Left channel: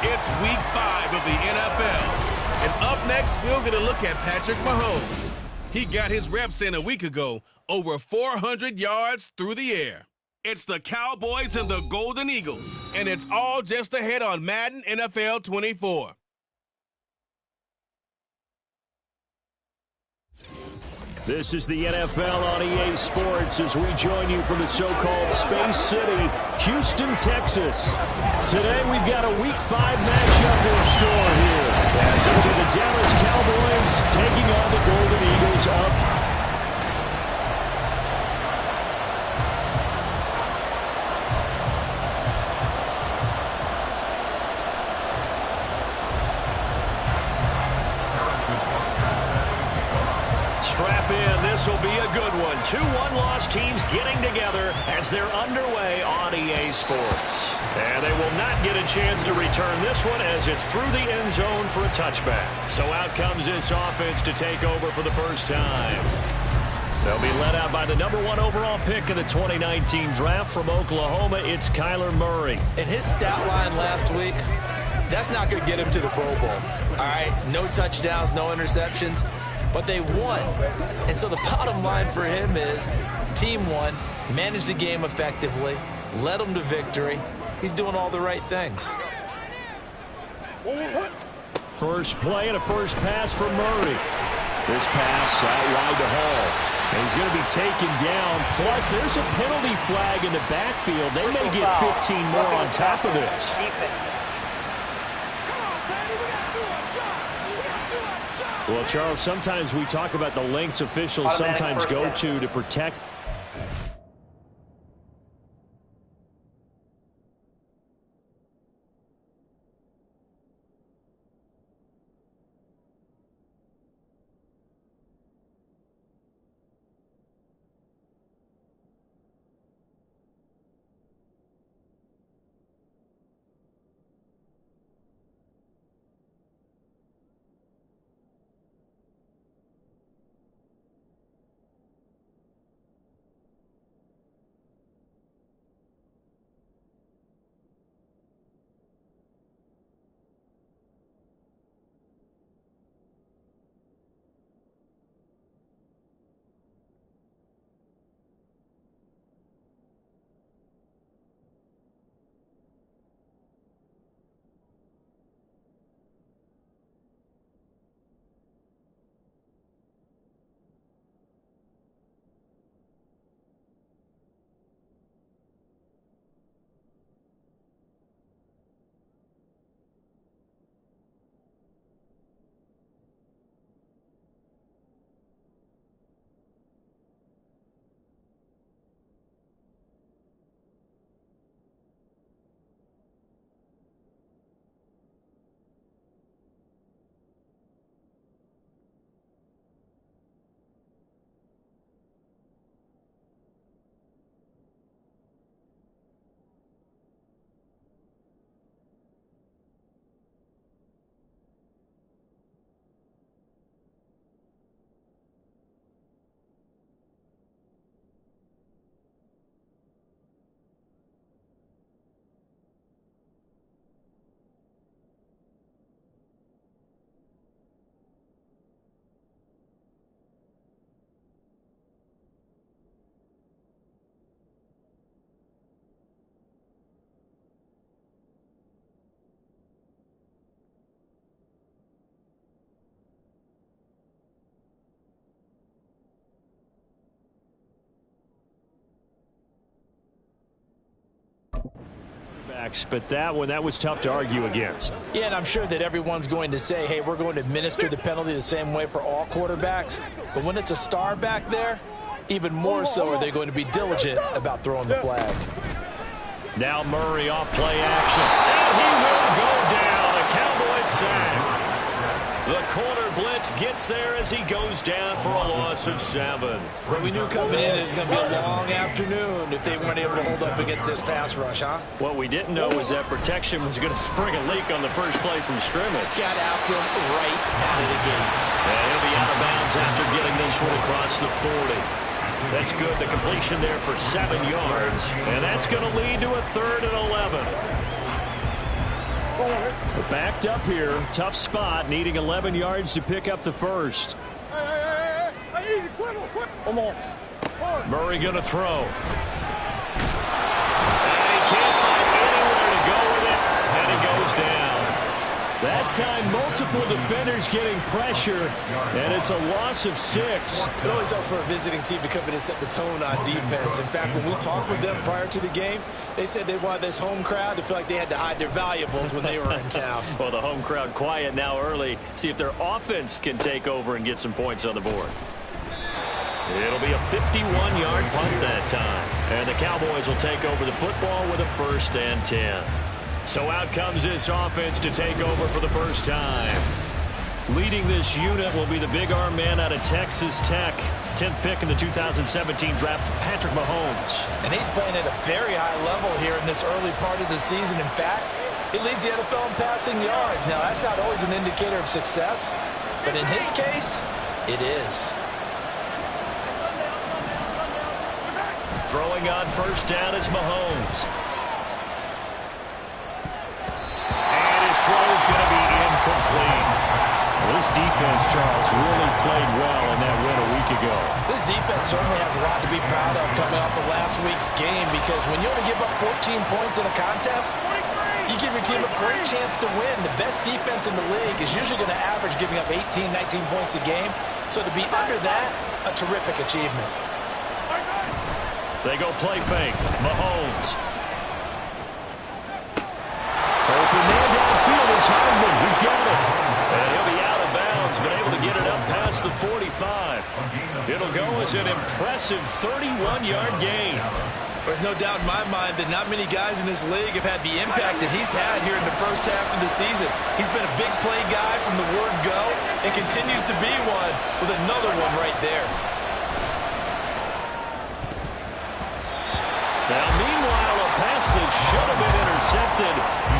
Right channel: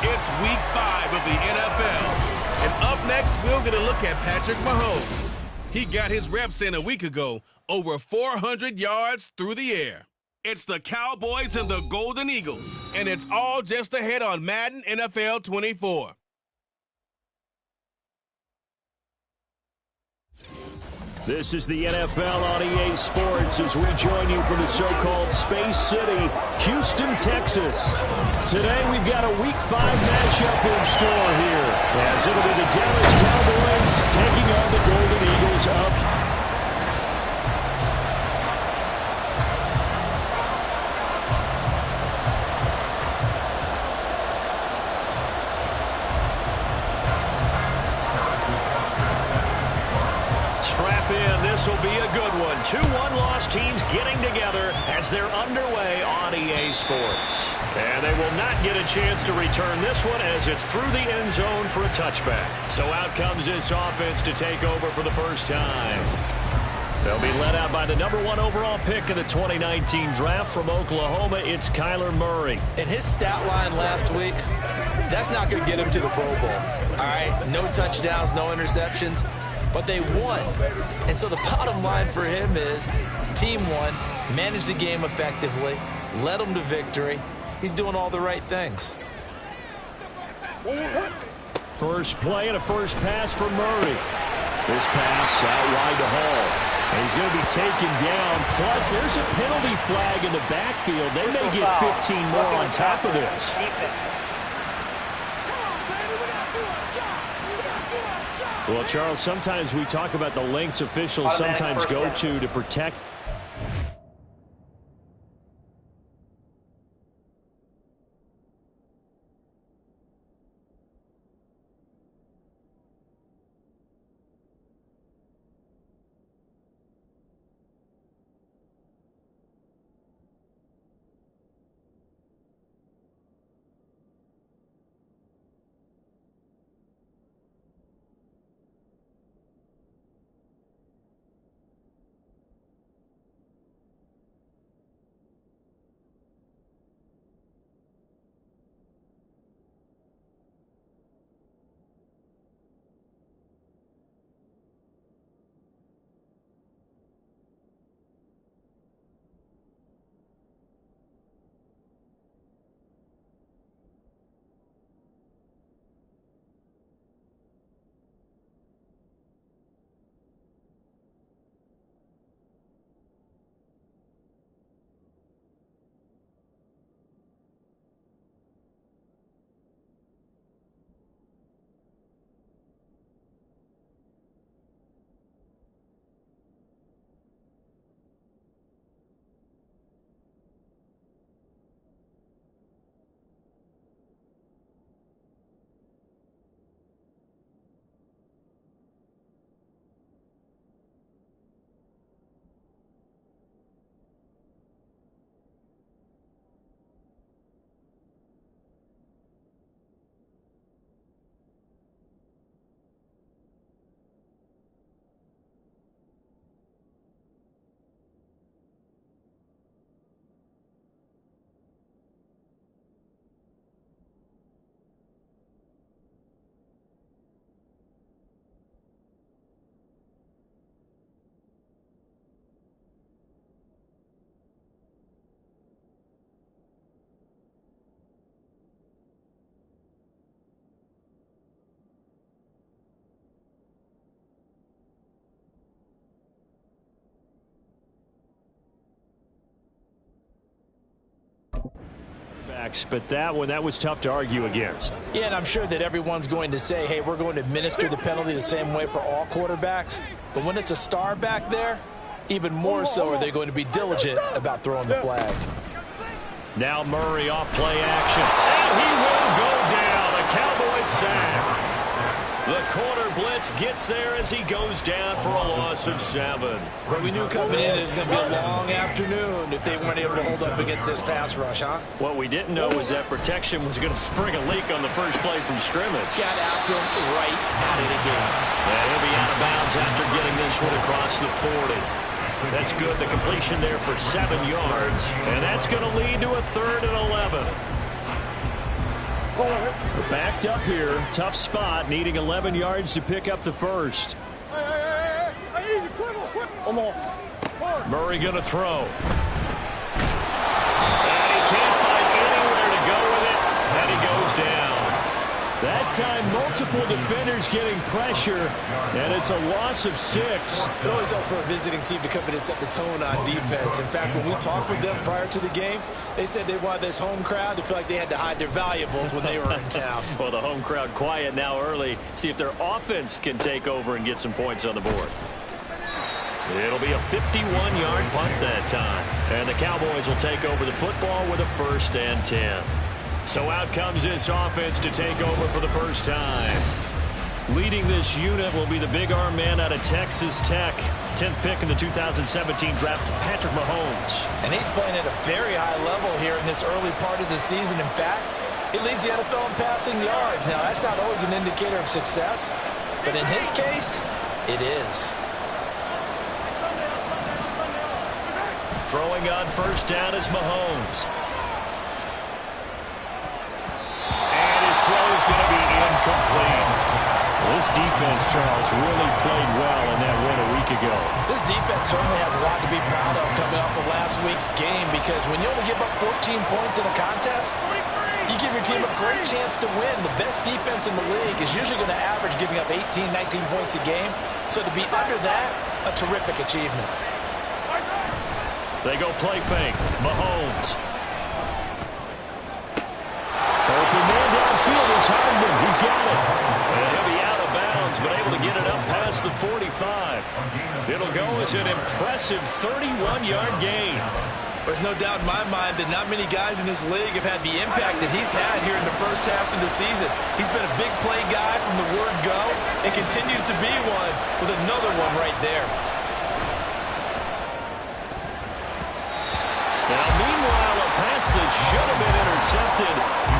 It's week 5 of the NFL. And up next, we'll get a look at Patrick Mahomes. He got his reps in a week ago, over 400 yards through the air. It's the Cowboys and the Golden Eagles, and it's all just ahead on Madden NFL 24. This is the NFL on EA Sports as we join you from the so-called Space City, Houston, Texas. Today we've got a Week 5 matchup in store here, as it'll be the Dallas Cowboys taking on the Golden Eagles of Strap in. This will be a good one. 2 one-loss teams getting together as they're underway on EA Sports. And they will not get a chance to return this one as it's through the end zone for a touchback. So out comes this offense to take over for the first time. They'll be led out by the number 1 overall pick in the 2019 draft from Oklahoma. It's Kyler Murray. And his stat line last week, that's not going to get him to the Pro Bowl. All right, no touchdowns, no interceptions. But they won. And so the bottom line for him is team won, managed the game effectively, led them to victory. He's doing all the right things. First play and a first pass for Murray. This pass out wide to Hall. And he's going to be taken down. Plus, there's a penalty flag in the backfield. They may get 15 more on top of this. Well, Charles, sometimes we talk about the lengths officials sometimes go to protect. But that one, that was tough to argue against. Yeah, and I'm sure that everyone's going to say, hey, we're going to administer the penalty the same way for all quarterbacks. But when it's a star back there, even more so are they going to be diligent about throwing the flag. Now Murray off play action. And he will go down. A Cowboys sack. The corner blitz gets there as he goes down for a loss of 7. But we knew coming in it was going to be a long afternoon if they weren't able to hold up against this pass rush, huh? What we didn't know was that protection was going to spring a leak on the first play from scrimmage. Got after him right out of the gate. And he'll be out of bounds after getting this one across the 40. That's good. The completion there for 7 yards. And that's going to lead to a 3rd and 11. We're backed up here. Tough spot, needing 11 yards to pick up the first. Murray going to throw. And he can't find anywhere to go with it, and he goes down. That time, multiple defenders getting pressure, and it's a loss of 6. It always helps for a visiting team to come in and set the tone on defense. In fact, when we talked with them prior to the game, they said they wanted this home crowd to feel like they had to hide their valuables when they were in town. Well, the home crowd quiet now early. See if their offense can take over and get some points on the board. It'll be a 51-yard punt that time. And the Cowboys will take over the football with a 1st and 10. So out comes this offense to take over for the first time. Leading this unit will be the big arm man out of Texas Tech. 10th pick in the 2017 draft, Patrick Mahomes. And he's playing at a very high level here in this early part of the season. In fact, he leads the NFL in passing yards. Now, that's not always an indicator of success, but in his case, it is. Throwing on 1st down is Mahomes. And his throw is going to be incomplete. This defense, Charles, really played well in that win a week ago. This defense certainly has a lot to be proud of coming off of last week's game, because when you only give up 14 points in a contest, you give your team a great chance to win. The best defense in the league is usually going to average giving up 18, 19 points a game. So to be under that, a terrific achievement. They go play fake. Mahomes. Open man downfield is Hardman. He's got it. And he'll be out of bounds, but able to get it up past the 45. It'll go as an impressive 31-yard gain. There's no doubt in my mind that not many guys in this league have had the impact that he's had here in the first half of the season. He's been a big play guy from the word go and continues to be one with another one right there. Now, meanwhile, a pass that should have been intercepted,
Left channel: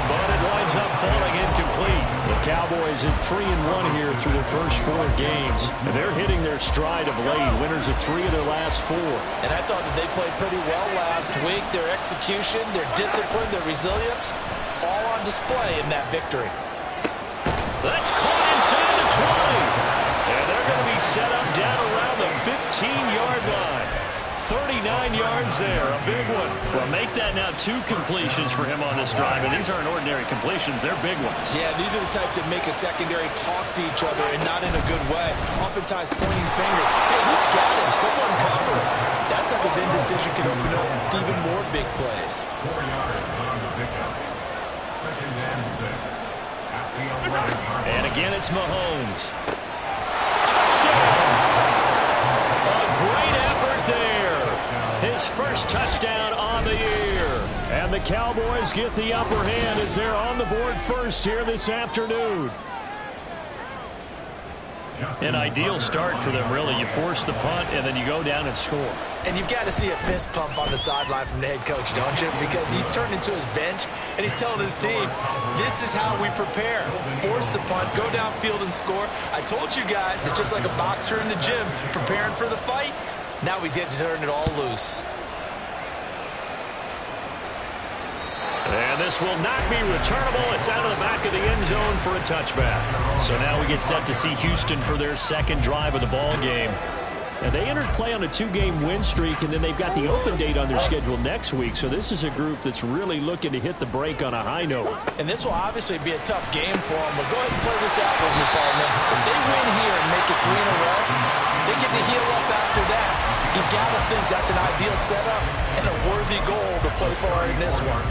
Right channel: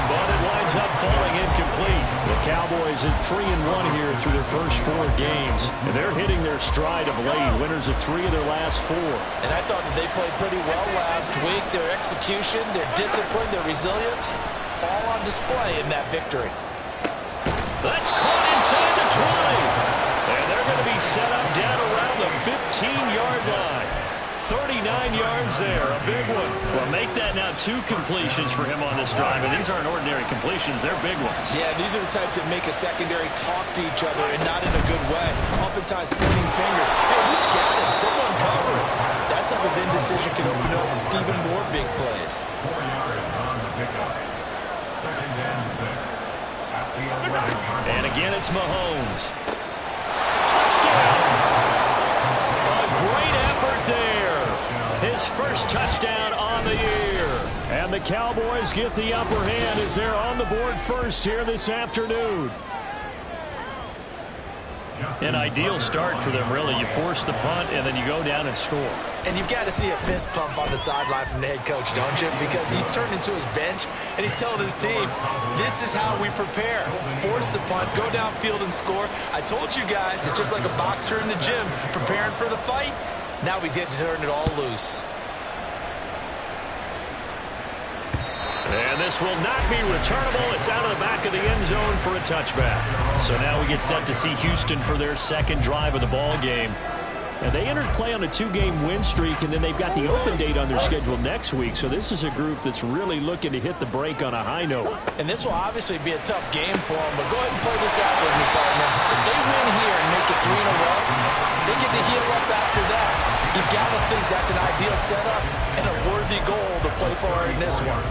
but it winds up falling incomplete. The Cowboys at 3-1 here through their first 4 games, and they're hitting their stride of late, winners of 3 of their last 4. And I thought that they played pretty well last week. Their execution, their discipline, their resilience, all on display in that victory. That's caught inside the 20. And they're going to be set up down around the 15-yard line. 39 yards there, a big one. Well, make that now 2 completions for him on this drive, and these aren't ordinary completions, they're big ones. Yeah, these are the types that make a secondary talk to each other, and not in a good way. Oftentimes pointing fingers. Hey, who's got him? Someone cover him. That type of indecision can open up even more big plays. 4 yards on the pickup. 2nd and 6. At the 11-yard line. And again, it's Mahomes. Touchdown! A great effort there. His first touchdown on the year. And the Cowboys get the upper hand as they're on the board first here this afternoon. An ideal start for them, really. You force the punt, and then you go down and score. And you've got to see a fist pump on the sideline from the head coach, don't you? Because he's turned into his bench, and he's telling his team, this is how we prepare. Force the punt, go downfield and score. I told you guys, it's just like a boxer in the gym preparing for the fight. Now we get to turn it all loose. And this will not be returnable. It's out of the back of the end zone for a touchback. So now we get set to see Houston for their second drive of the ball game. And they entered play on a 2-game win streak, and then they've got the open date on their schedule next week. So this is a group that's really looking to hit the break on a high note. And this will obviously be a tough game for them, but go ahead and play this out with me, partner. If they win here and make it 3 in a row, they get to heal up after that. You've got to think that's an ideal setup and a worthy goal to play for in this one.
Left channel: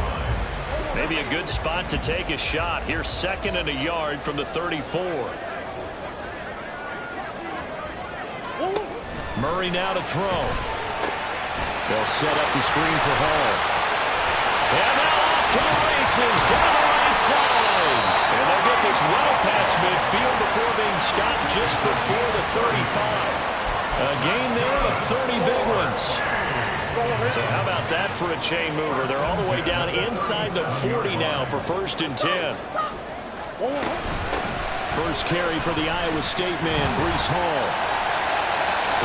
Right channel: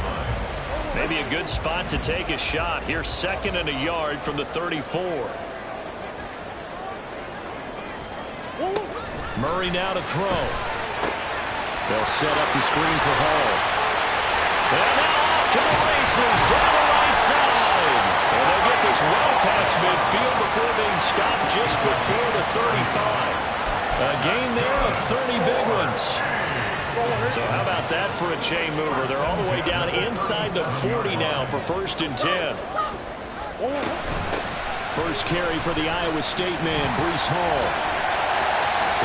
Maybe a good spot to take a shot. Here's 2nd and a yard from the 34. Murray now to throw. They'll set up the screen for Hall. And now off to the races down the right side. And they'll get this well past midfield before being stopped just before the 35. A gain there of 30 big ones. So how about that for a chain mover? They're all the way down inside the 40 now for 1st and 10. First carry for the Iowa State man, Breece Hall.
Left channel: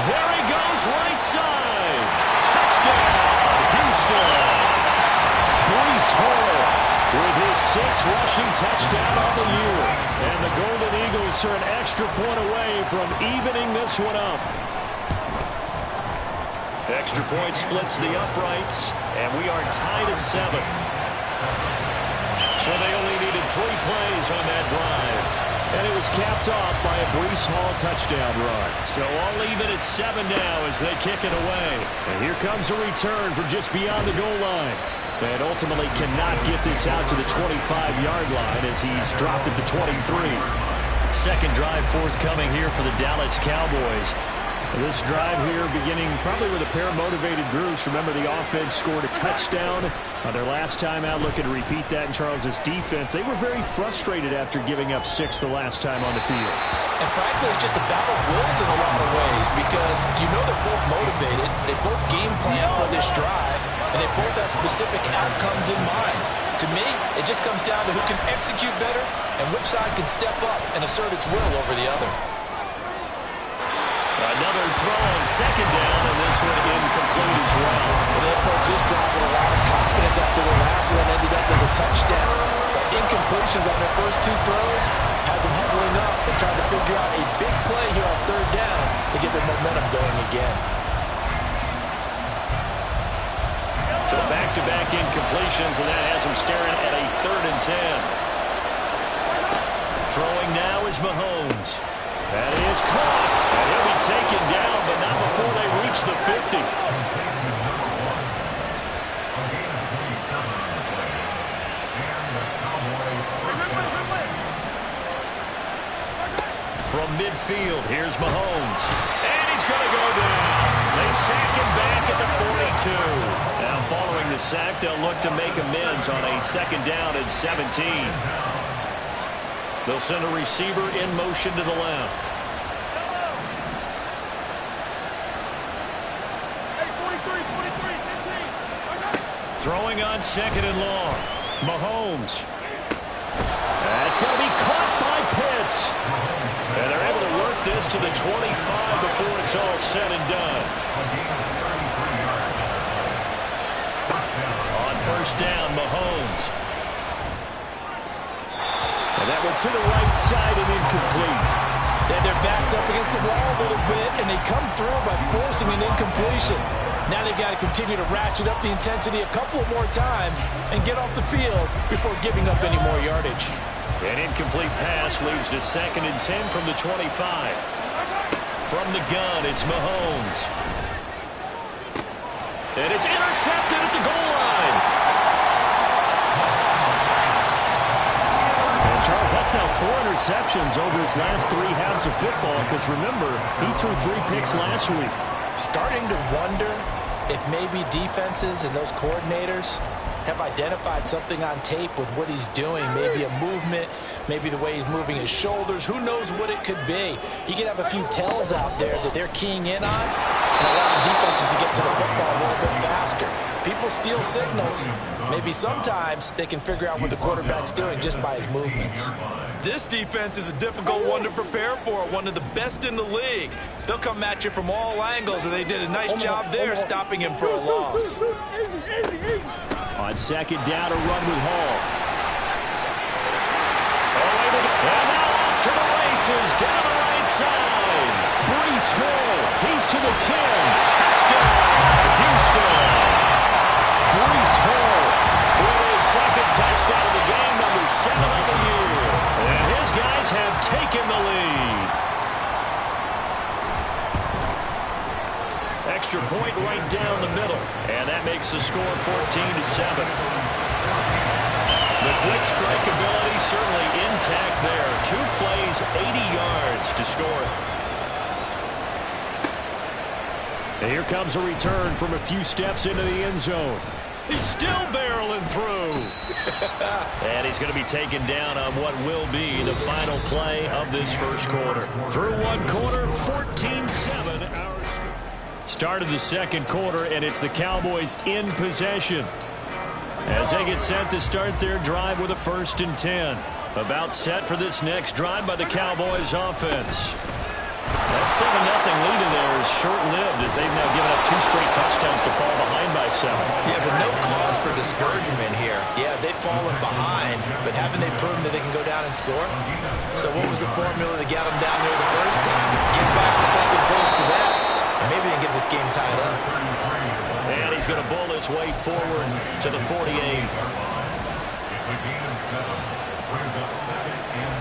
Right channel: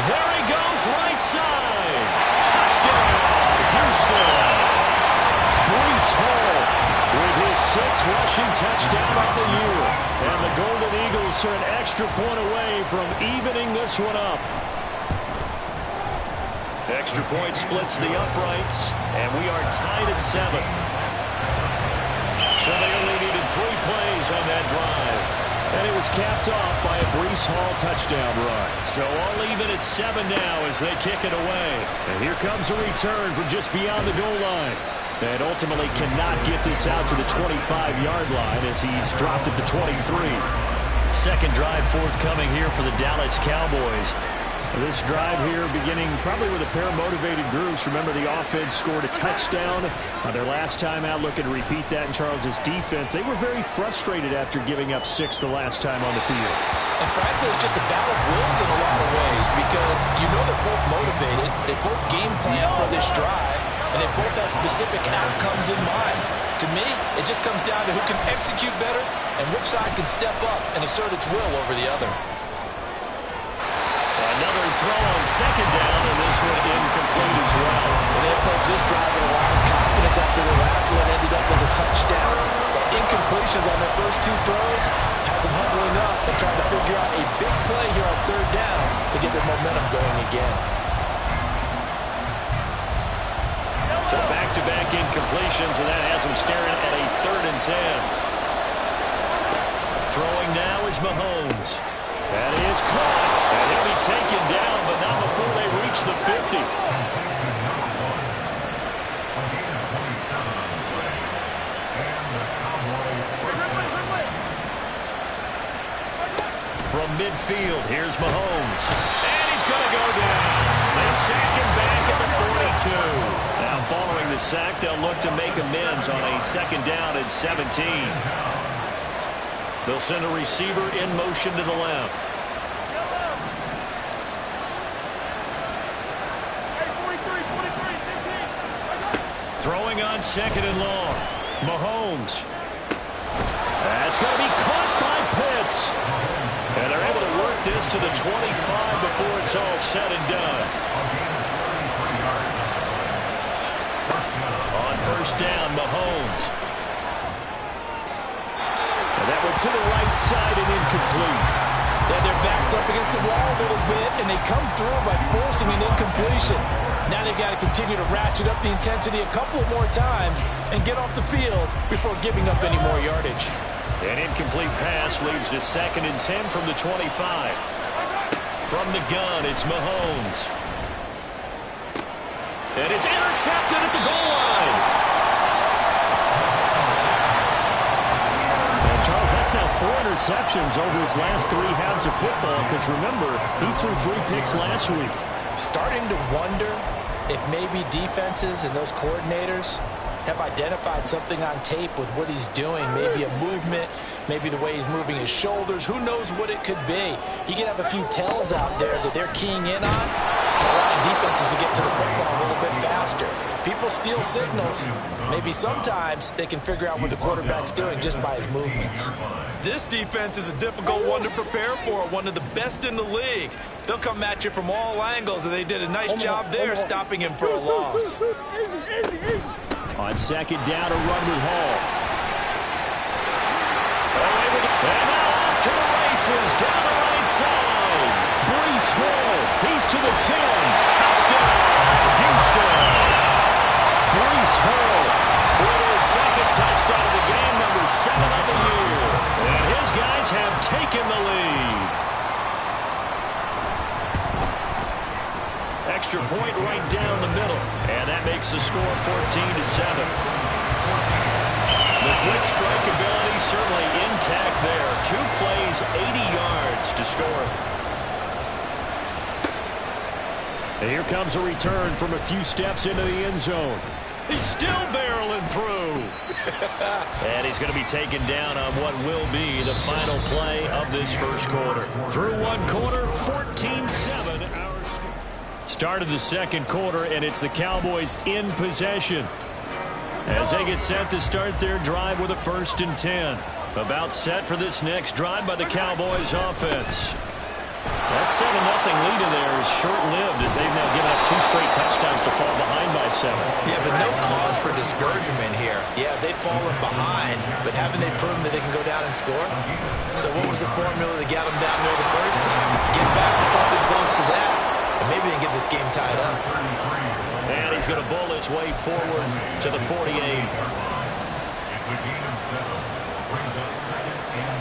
There he goes, right side. Touchdown, Houston. Breece Hall with his 6th rushing touchdown on the year. And the Golden Eagles are an extra point away from evening this one up. Extra point splits the uprights, and we are tied at 7. So they only needed 3 plays on that drive. And it was capped off by a Breece Hall touchdown run. So all even at 7 now as they kick it away. And here comes a return from just beyond the goal line. And ultimately cannot get this out to the 25-yard line as he's dropped at the 23. Second drive forthcoming here for the Dallas Cowboys. This drive here beginning probably with a pair of motivated groups. Remember, the offense scored a touchdown on their last time out. Looking to repeat that in Charles's defense. They were very frustrated after giving up 6 the last time on the field. And frankly, it's just a battle of wills in a lot of ways because you know they're both motivated. They both game plan for this drive, and they both have specific outcomes in mind. To me, it just comes down to who can execute better and which side can step up and assert its will over the other. Another throw on second down, and this one incomplete as well. And they approach this drive with a lot of confidence after the last one ended up as a touchdown. But incompletions on their first 2 throws has them huddling up and trying to figure out a big play here on 3rd down to get their momentum going again. So back-to-back incompletions, and that has them staring at a 3rd and 10. Throwing now is Mahomes. That is caught, and he'll be taken down, but not before they reach the 50. From midfield, here's Mahomes. And he's going to go down. They sack him back at the 42. Now following the sack, they'll look to make amends on a 2nd down and 17. They'll send a receiver in motion to the left. Throwing on 2nd and long. Mahomes. That's going to be caught by Pitts. And they're able to work this to the 25 before it's all said and done. On 1st down, Mahomes. And that one to the right side and incomplete. They had their backs up against the wall a little bit, and they come through by forcing an incompletion. Now they've got to continue to ratchet up the intensity a couple of more times and get off the field before giving up any more yardage. An incomplete pass leads to 2nd and 10 from the 25. From the gun, it's Mahomes. And it's intercepted at the goal line. And Charles, that's now 4 interceptions over his last 3 halves of football because remember, he threw 3 picks last week. Starting to wonder if maybe defenses and those coordinators have identified something on tape with what he's doing. Maybe a movement, maybe the way he's moving his shoulders. Who knows what it could be? He could have a few tells out there that they're keying in on and allowing defenses to get to the football a little bit faster. People steal signals. Maybe sometimes they can figure out what the quarterback's doing just by his movements. This defense is a difficult one to prepare for, one of the best in the league. They'll come at you from all angles, and they did a nice job there stopping him for a loss. On 2nd down, a run with Hall. And now off to the races, down the right side. Breece Hall, he's to the 10. Touchdown, Houston. Breece Hall with his 2nd touchdown of the game, number 7 of the year. And his guys have taken the lead. Extra point right down the middle. And that makes the score 14-7. The quick strike ability certainly intact there. 2 plays, 80 yards to score it. And here comes a return from a few steps into the end zone. He's still barreling through. And he's going to be taken down on what will be the final play of this first quarter. Through 1 quarter, 14-7. Our start of the 2nd quarter, and it's the Cowboys in possession as they get set to start their drive with a 1st and 10. About set for this next drive by the Cowboys offense. That 7-0 lead in there is short-lived as they've now given up 2 straight touchdowns to fall behind by 7. Yeah, but no cause for discouragement here. Yeah, they've fallen behind, but haven't they proven that they can go down and score? So what was the formula that got them down there the first time? Get back to something close to that, and maybe they can get this game tied up. And he's going to bull his way forward to the 48. It's a gain of 7. Brings up 2nd and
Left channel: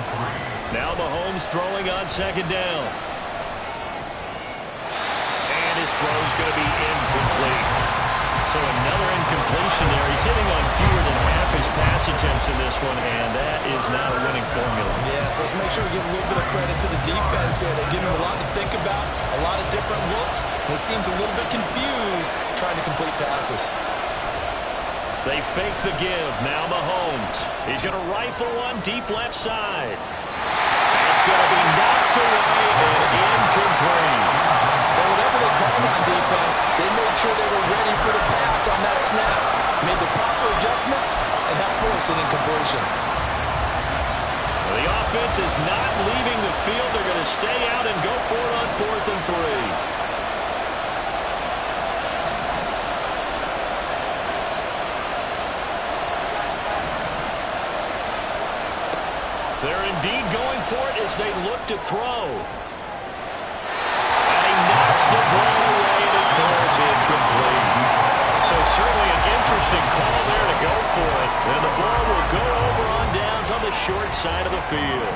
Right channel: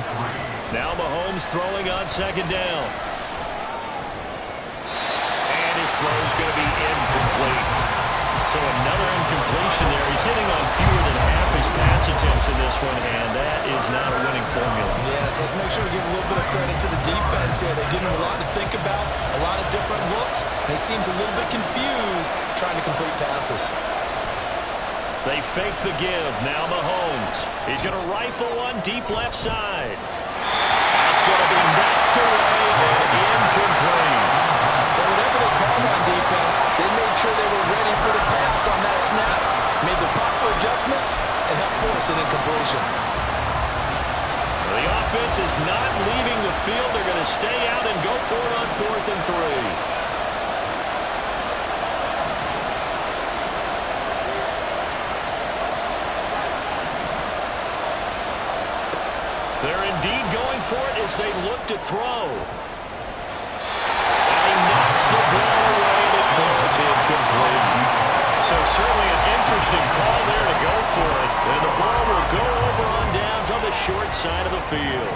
3. Now Mahomes throwing on 2nd down. And his throw's going to be incomplete. So another incompletion there. He's hitting on fewer than half his pass attempts in this one, and that is not a winning formula. Yeah, so let's make sure we give a little bit of credit to the defense here. They've given him a lot to think about, a lot of different looks, and he seems a little bit confused trying to complete passes. They fake the give. Now Mahomes. He's going to rifle one deep left side. That's going to be knocked away and incomplete. And whatever they called on defense, they made sure they were ready for the pass on that snap, made the proper adjustments, and helped force an incompletion. The offense is not leaving the field. They're going to stay out and go for it on 4th and 3. They're indeed going for it as they look to throw. And he knocks the ball away and it falls incomplete. So certainly an interesting call there to go for it. And the ball will go over on downs on the short side of the field.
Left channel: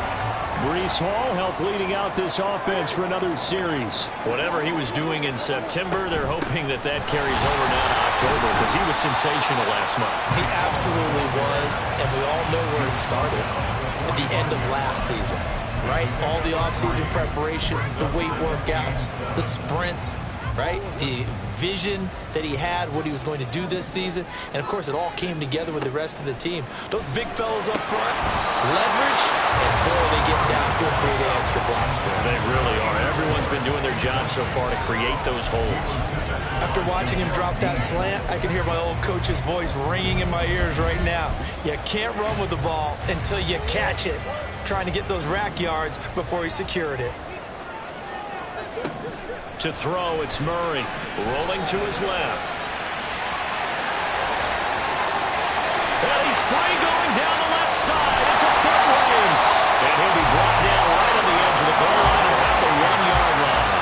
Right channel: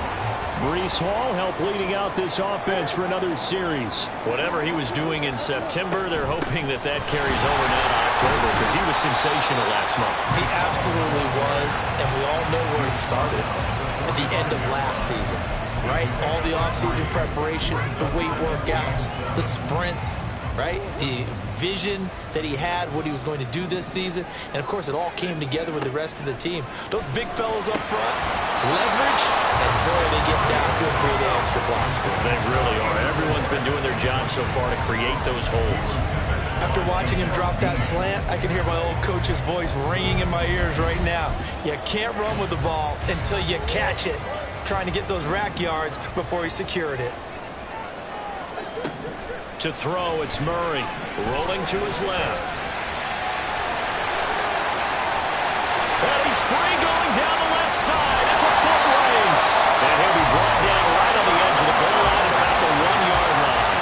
Breece Hall helped leading out this offense for another series. Whatever he was doing in September, they're hoping that that carries over now to October because he was sensational last month. He absolutely was, and we all know where it started. At the end of last season, right? All the offseason preparation, the weight workouts, the sprints, right? The vision that he had, what he was going to do this season. And, of course, it all came together with the rest of the team. Those big fellas up front, leverage, and, boy, they get downfield, creating extra blocks for him. They really are. Everyone's been doing their job so far to create those holes. After watching him drop that slant, I can hear my old coach's voice ringing in my ears right now. You can't run with the ball until you catch it. Trying to get those rack yards before he secured it. To throw, it's Murray. Rolling to his left. And he's free going down the left side. It's a foot race. And he'll be brought down right on the edge of the goal line at about the 1-yard line.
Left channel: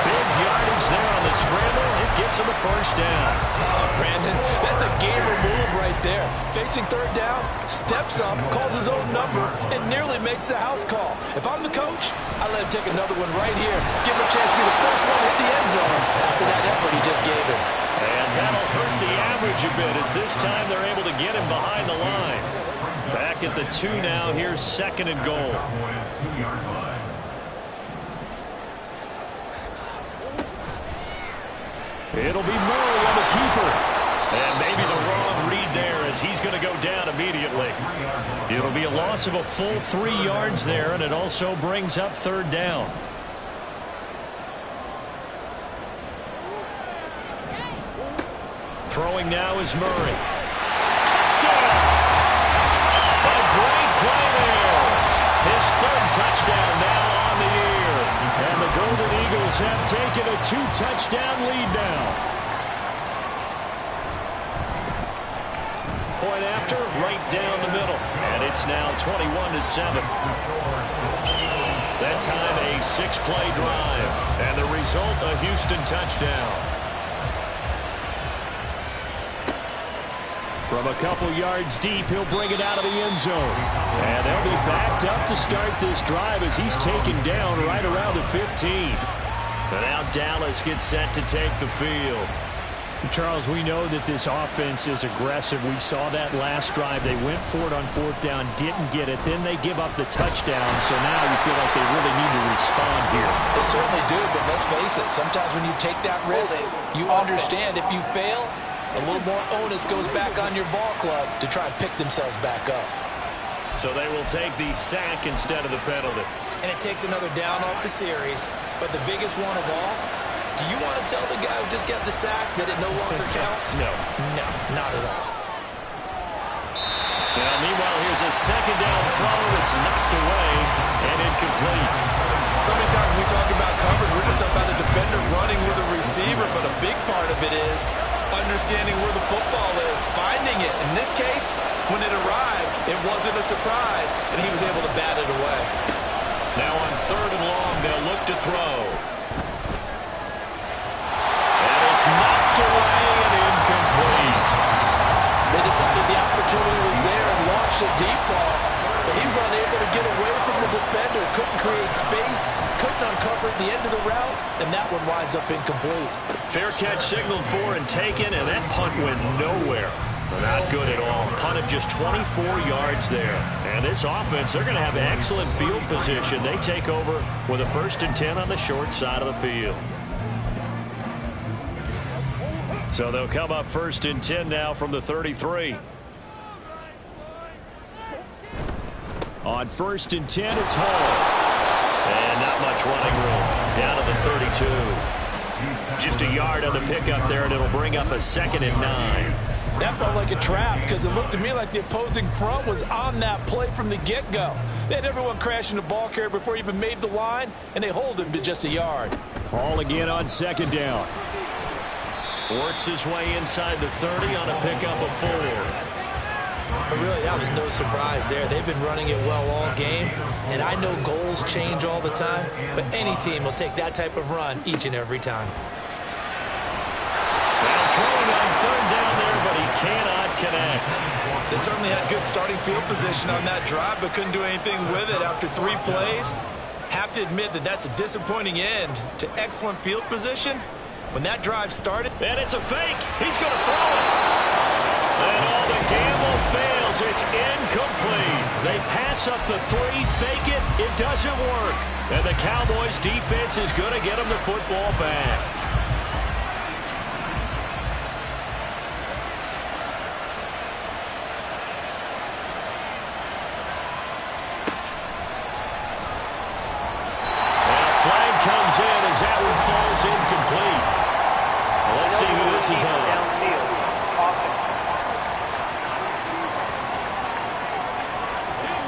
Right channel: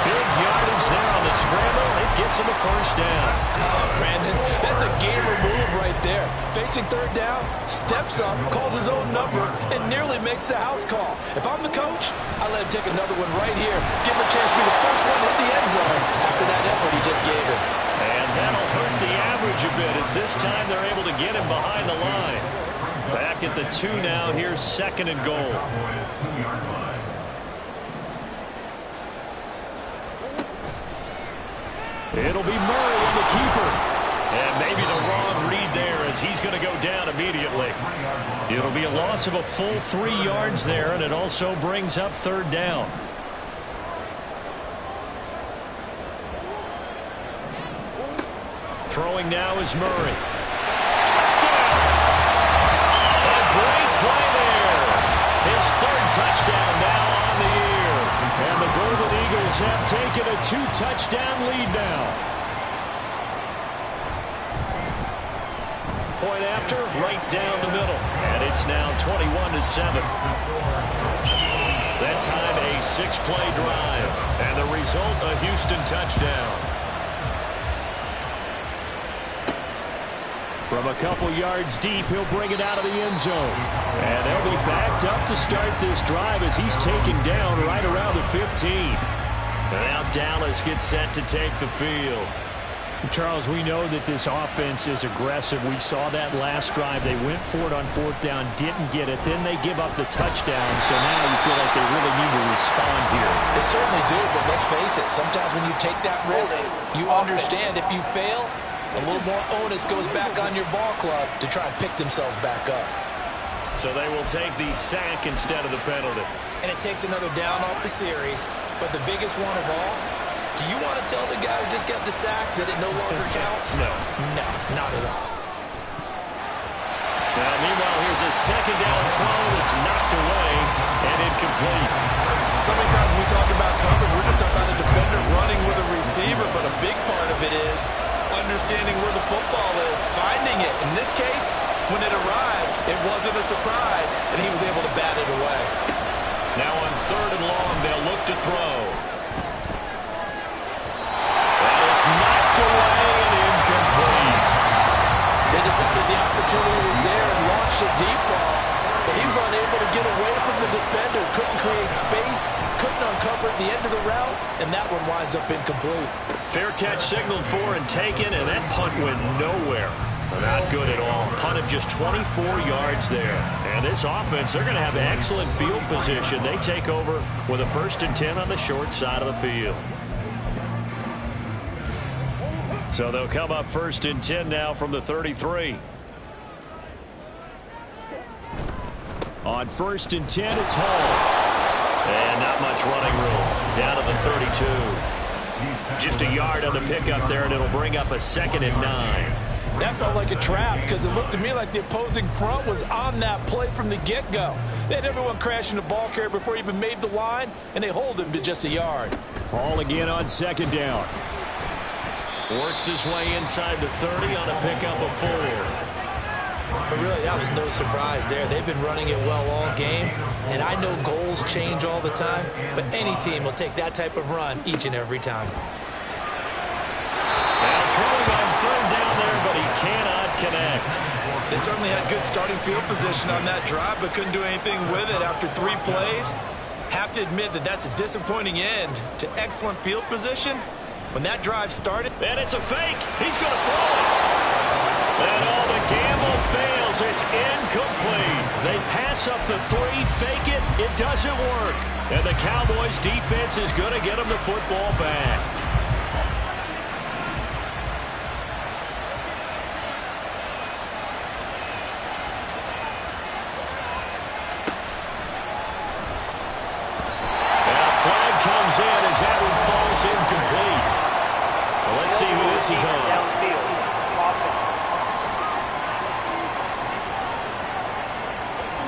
Big yardage there on the scramble. It gets him a first down. Oh, Brandon, that's a gamer move right there. Facing 3rd down, steps up, calls his own number, and nearly makes the house call. If I'm the coach, I let him take another one right here. Give him a chance to be the first one to hit the end zone after that effort he just gave him. And that'll hurt the average a bit as this time they're able to get him behind the line. Back at the 2 now. Here's 2nd and goal. Cowboys 2-yard line. It'll be Murray on the keeper. And maybe the wrong read there as he's going to go down immediately. It'll be a loss of a full 3 yards there, and it also brings up 3rd down. Throwing now is Murray. Touchdown! A great play there. His 3rd touchdown now on the year. And the Golden Eagles have taken a 2-touchdown lead now. Point after, right down the middle. And it's now 21-7. That time a 6-play drive. And the result, a Houston touchdown. From a couple yards deep, he'll bring it out of the end zone. And they'll be backed up to start this drive as he's taken down right around the 15. And now Dallas gets set to take the field. Charles, we know that this offense is aggressive. We saw that last drive. They went for it on 4th down, didn't get it. Then they give up the touchdown. So now you feel like they really need to respond here. They certainly do, but let's face it. Sometimes when you take that risk, you understand if you fail, a little more onus goes back on your ball club to try and pick themselves back up. So they will take the sack instead of the penalty. And it takes another down off the series. But the biggest one of all, do you want to tell the guy who just got the sack that it no longer counts? No. No, not at all. Now, meanwhile, here's a second down throw that's knocked away and incomplete. So many times when we talk about coverage, we're just about a defender running with a receiver, but a big part of it is understanding where the football is, finding it. In this case, when it arrived, it wasn't a surprise, and he was able to bat it away. Now on 3rd and long, they'll look to throw. And it's knocked away and incomplete. They decided the opportunity was there and launched a deep ball, but he was unable to get away from the defender, couldn't create space, couldn't uncover the end of the route, and that one winds up incomplete. Fair catch signaled for and taken, and that punt went nowhere. Not good at all. Punt of just 24 yards there. And this offense, they're going to have excellent field position. They take over with a 1st and 10 on the short side of the field. So they'll come up 1st and 10 now from the 33. On 1st and 10, it's Hall. And not much running room. Down to the 32. Just a yard on the pickup there, and it'll bring up a 2nd and 9. That felt like a trap because it looked to me like the opposing front was on that play from the get-go. They had everyone crashing the ball carrier before he even made the line, and they hold him to just a yard. Hall again on 2nd down. Works his way inside the 30 on a pickup of 4. But really, that was no surprise there. They've been running it well all game, and I know goals change all the time, but any team will take that type of run each and every time. Now throwing on 3rd down there, but he cannot connect. They certainly had good starting field position on that drive, but couldn't do anything with it after 3 plays. Have to admit that that's a disappointing end to excellent field position. When that drive started. And it's a fake. He's going to throw it. And all the gamble fails. It's incomplete. They pass up the 3, fake it. It doesn't work. And the Cowboys defense is going to get them the football back. Flag comes in as that one falls incomplete. Well, let's see who this is on.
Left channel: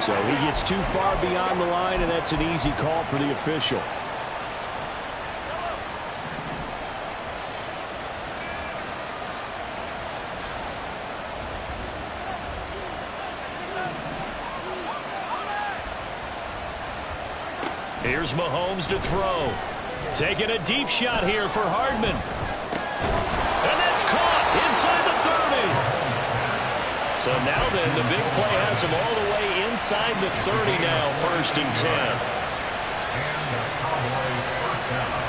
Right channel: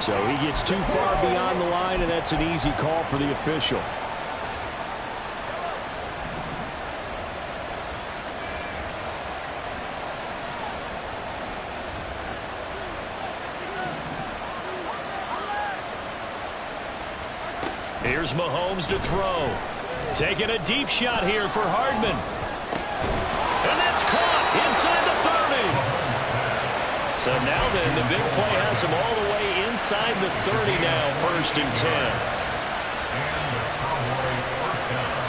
So he gets too far beyond the line, and that's an easy call for the official. Here's Mahomes to throw. Taking a deep shot here for Hardman. And that's caught inside the 30. So now then, the big play has him all the way inside the 30 now, 1st and 10. And the Cowboy 1st down.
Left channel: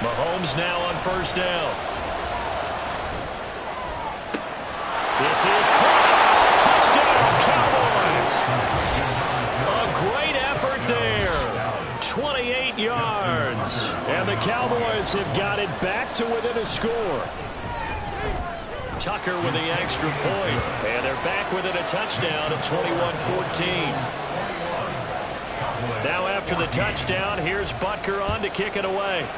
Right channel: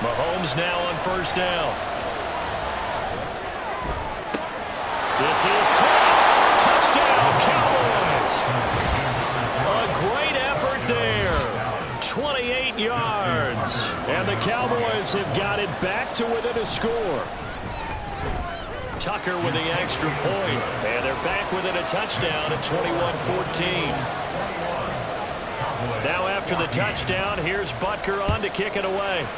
Mahomes now on 1st down. This is caught. Touchdown, Cowboys. A great effort there. 28 yards. And the Cowboys have got it back to within a score. Tucker with the extra point. And they're back within a touchdown at 21-14. Now after the touchdown, here's Butker on to kick it away.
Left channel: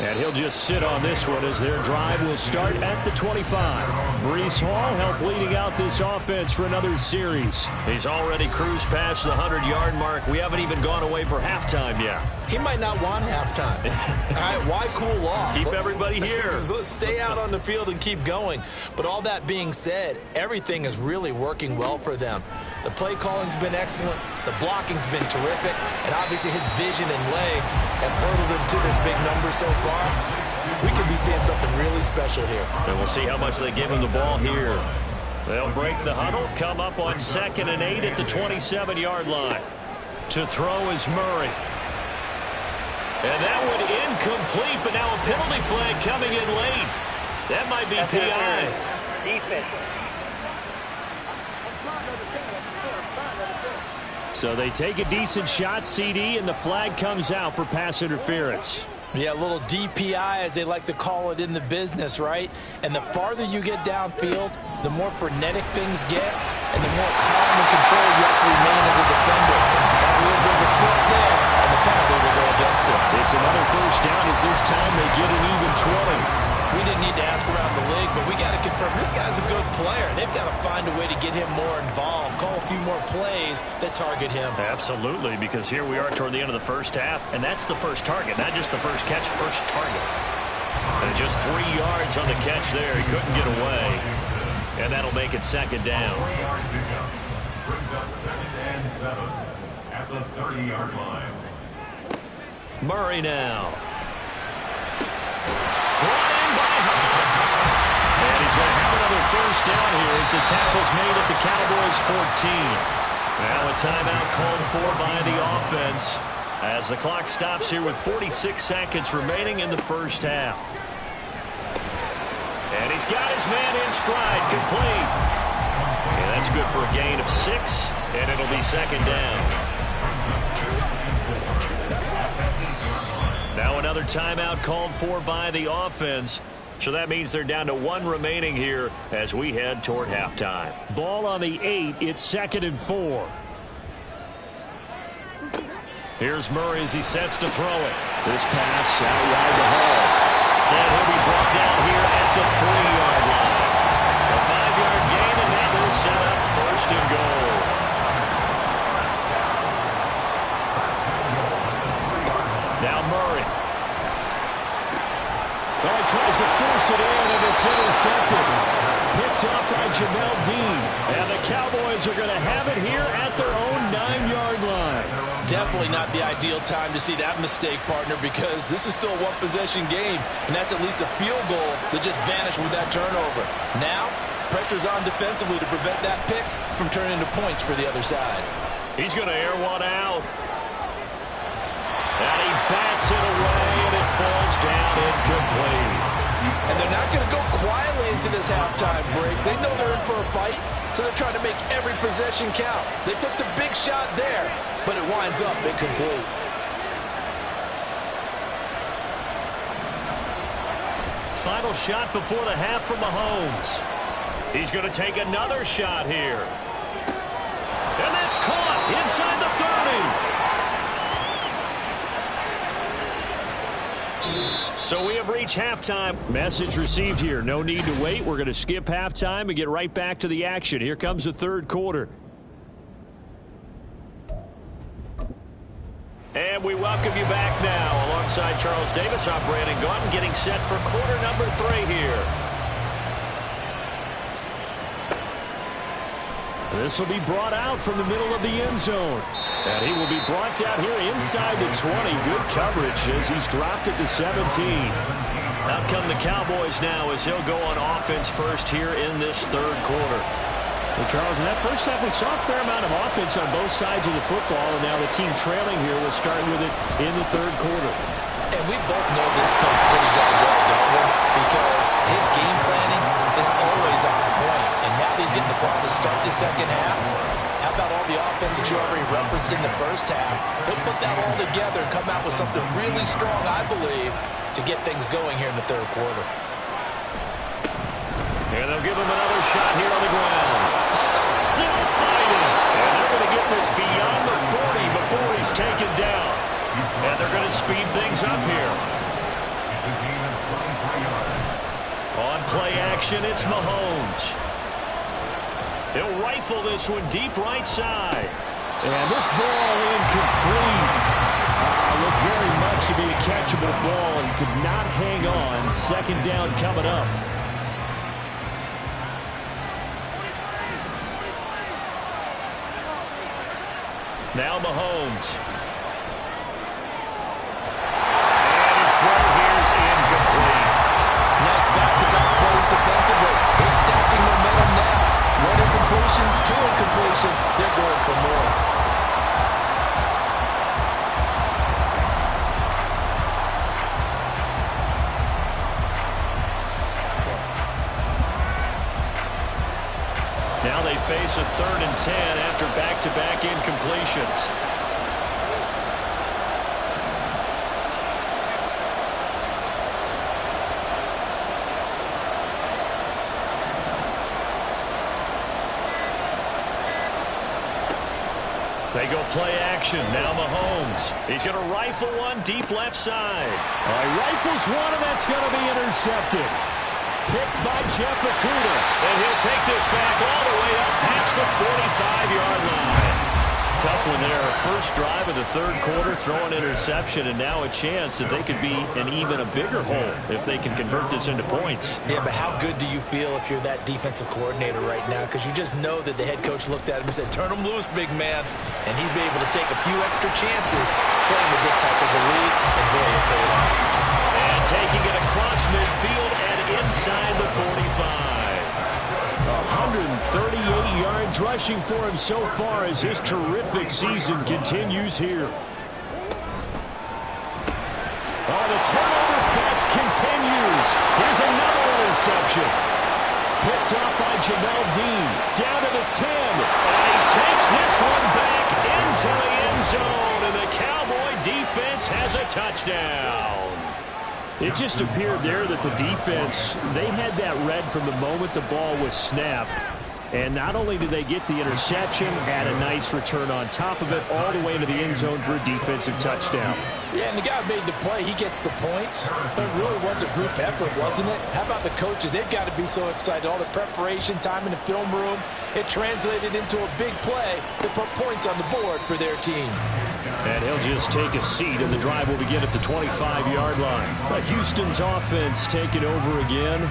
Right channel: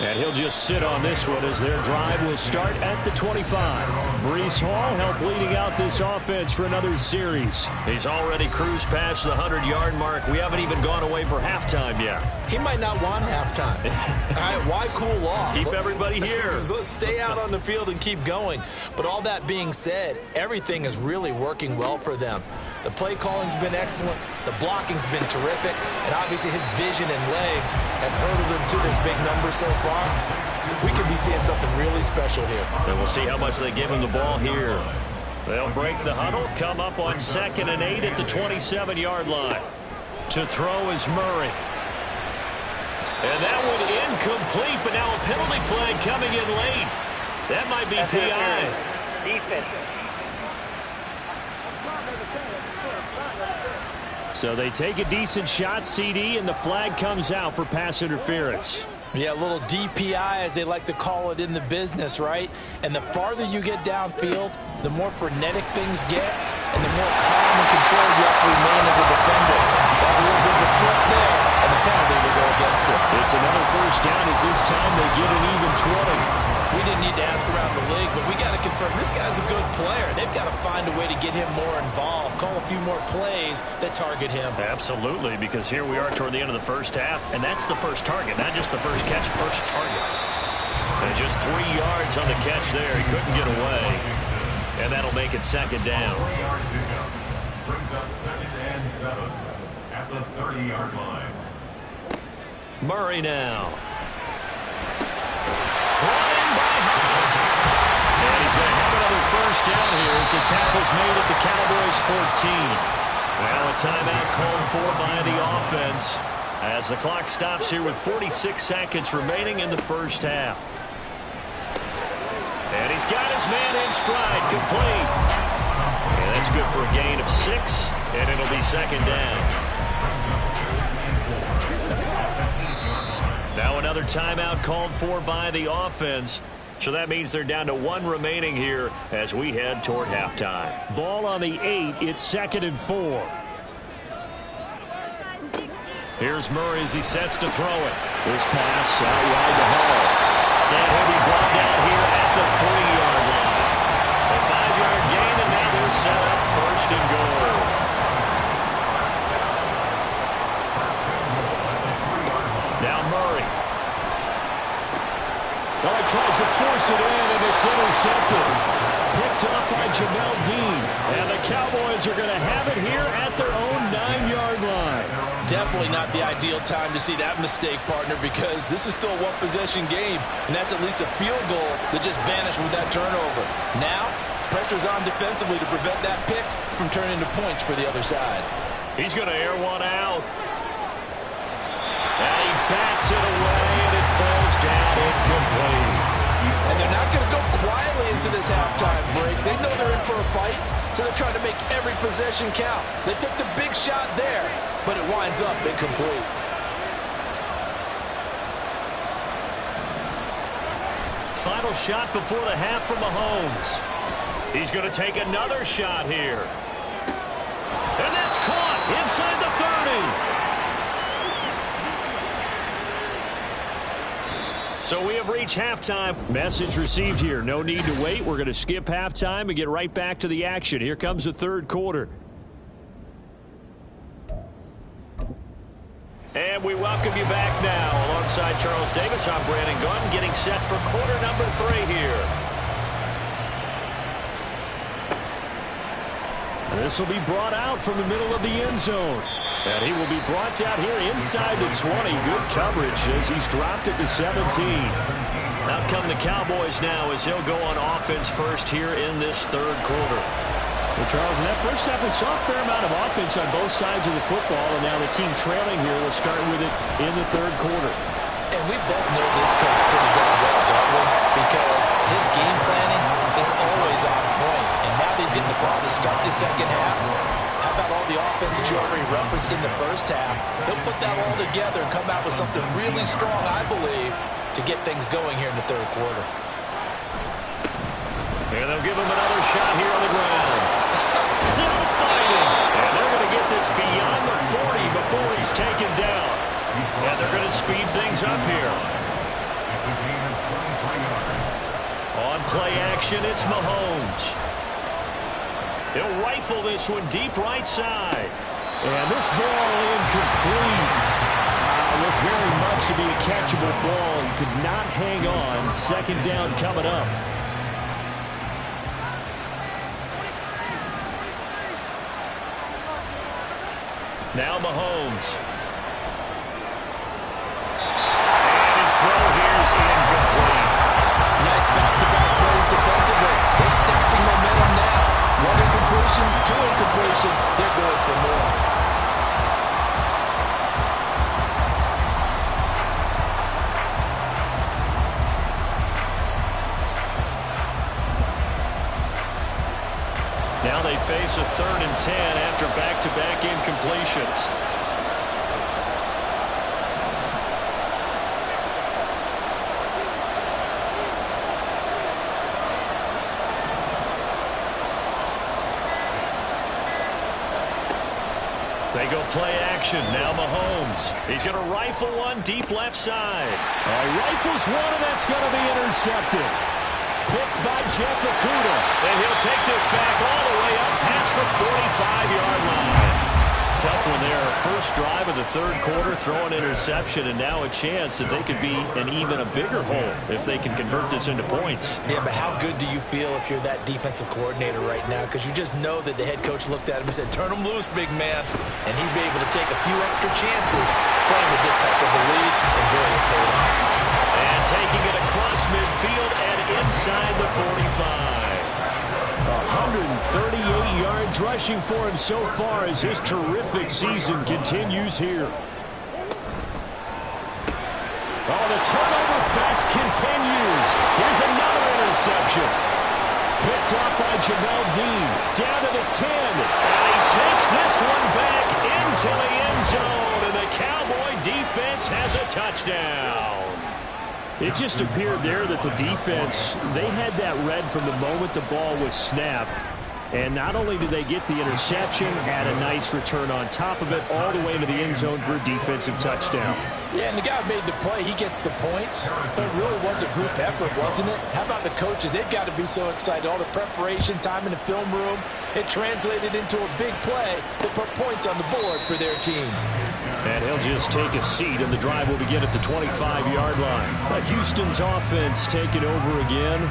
And he'll just sit on this one as their drive will start at the 25. Breece Hall helped leading out this offense for another series. He's already cruised past the 100-yard mark. We haven't even gone away for halftime yet. He might not want halftime. All right, why cool off? Keep everybody here. Let's stay out on the field and keep going. But all that being said, everything is really working well for them. The play calling's been excellent. The blocking's been terrific. And obviously his vision and legs have hurdled him to this big number so far. We could be seeing something really special here. And we'll see how much they give him the ball here. They'll break the huddle, come up on 2nd and 8 at the 27-yard line. To throw is Murray. And that one incomplete, but now a penalty flag coming in late. That might be PI. Defense. So they take a decent shot, CD, and the flag comes out for pass interference. Yeah, a little DPI, as they like to call it in the business, right? And the farther you get downfield, the more frenetic things get, and the more calm and control you have to remain as a defender. That's a little bit of a slip there, and the penalty will go against it. It's another first down as this time they get an even 20. We didn't need to ask around the league, but we got to confirm this guy's a good player. They've got to find a way to get him more involved, call a few more plays that target him. Absolutely, because here we are toward the end of the first half, and that's the first target, not just the first catch, first target. And just 3 yards on the catch there. He couldn't get away, and that'll make it second down. 4-yard pickup brings up 2nd and 7 at the 30-yard line. Murray now. Brought in by Huff. And he's going to have another first down here as the tackle's made at the Cowboys 14. Now a timeout called for by the offense as the clock stops here with 46 seconds remaining in the first half. And he's got his man in stride, complete. And that's good for a gain of 6, and it'll be second down. Now another timeout called for by the offense. So that means they're down to 1 remaining here as we head toward halftime. Ball on the 8. It's 2nd and 4. Here's Murray as he sets to throw it. This pass out wide to Hall. And he'll be brought down here at the 3-yard line. A 5-yard gain, and now they'll set up 1st and goal. Now Murray. Oh, he tries to force it in, and it's intercepted. Picked up by Jamel Dean. And the Cowboys are going to have it here at their own 9-yard line. Definitely not the ideal time to see that mistake, partner, because this is still a one-possession game, and that's at least a field goal that just vanished with that turnover. Now, pressure's on defensively to prevent that pick from turning into points for the other side. He's going to air one out. And he bats it away, and it falls down incomplete. And they're not going to go quietly into this halftime break. They know they're in for a fight, so they're trying to make every possession count. They took the big shot there, but it winds up incomplete. Final shot before the half from Mahomes. He's going to take another shot here. And that's caught inside the 30. So we have reached halftime. Message received here. No need to wait. We're going to skip halftime and get right back to the action. Here comes the third quarter. And we welcome you back now. Alongside Charles Davis, I'm Brandon Gunn, getting set for quarter number 3 here. This will be brought out from the middle of the end zone. And he will be brought down here inside the 20. Good coverage as he's dropped at the 17. Out come the Cowboys now as they'll go on offense first here in this third quarter. Well, Charles, in that first half, we saw a fair amount of offense on both sides of the football, and now the team trailing here will start with it in the third quarter. And we both know this coach pretty darn well, don't we? Because his game planning is always on point. And now that he's getting the ball to start the second half, how about all the offense that you already referenced in the first half? He'll put that all together and come out with something really strong, I believe, to get things going here in the third quarter. And they'll give him another shot here on the ground. Still fighting. And they're going to get this beyond the 40 before he's taken down. And they're going to speed things up here. It's a gain of 23 yards. On play action, it's Mahomes. He'll rifle this one deep right side. And this ball incomplete. Looked very much to be a catchable ball. He could not hang on. Second down coming up. Now Mahomes. And his throw here is incomplete. Nice back-to-back plays defensively. They're stacking momentum now. 1 incompletion, 2 incompletion. They're going for more. Now they face a 3rd and 10 after back-to-back incompletions. They go play action. Now Mahomes. He's going to rifle one deep left side. All right, rifles one, and that's going to be intercepted. Picked by Jeff Okudah. And he'll take this back all the way up past the 45-yard line. Tough one there. First drive of the 3rd quarter, throw an interception, and now a chance that they could be in even a bigger hole if they can convert this into points. Yeah, but how good do you feel if you're that defensive coordinator right now? Because you just know that the head coach looked at him and said, turn him loose, big man. And he'd be able to take a few extra chances playing with this type of a lead, and boy, it paid off. And taking it across midfield and inside the 45. 138 yards rushing for him so far as his terrific season continues here. Oh, the turnover fest continues. Here's another interception. Picked off by Jamel Dean. Down to the 10. And he takes this one back into the end zone. And the Cowboy defense has a touchdown. It just appeared there that the defense, they had that read from the moment the ball was snapped. And not only did they get the interception, had a nice return on top of it, all the way into the end zone for a defensive touchdown. Yeah, and the guy who made the play, he gets the points. But it really was a group effort, wasn't it? How about the coaches? They've got to be so excited. All the preparation time in the film room, it translated into a big play to put points on the board for their team. And he'll just take a seat, and the drive will begin at the 25-yard line. But Houston's offense taking over again.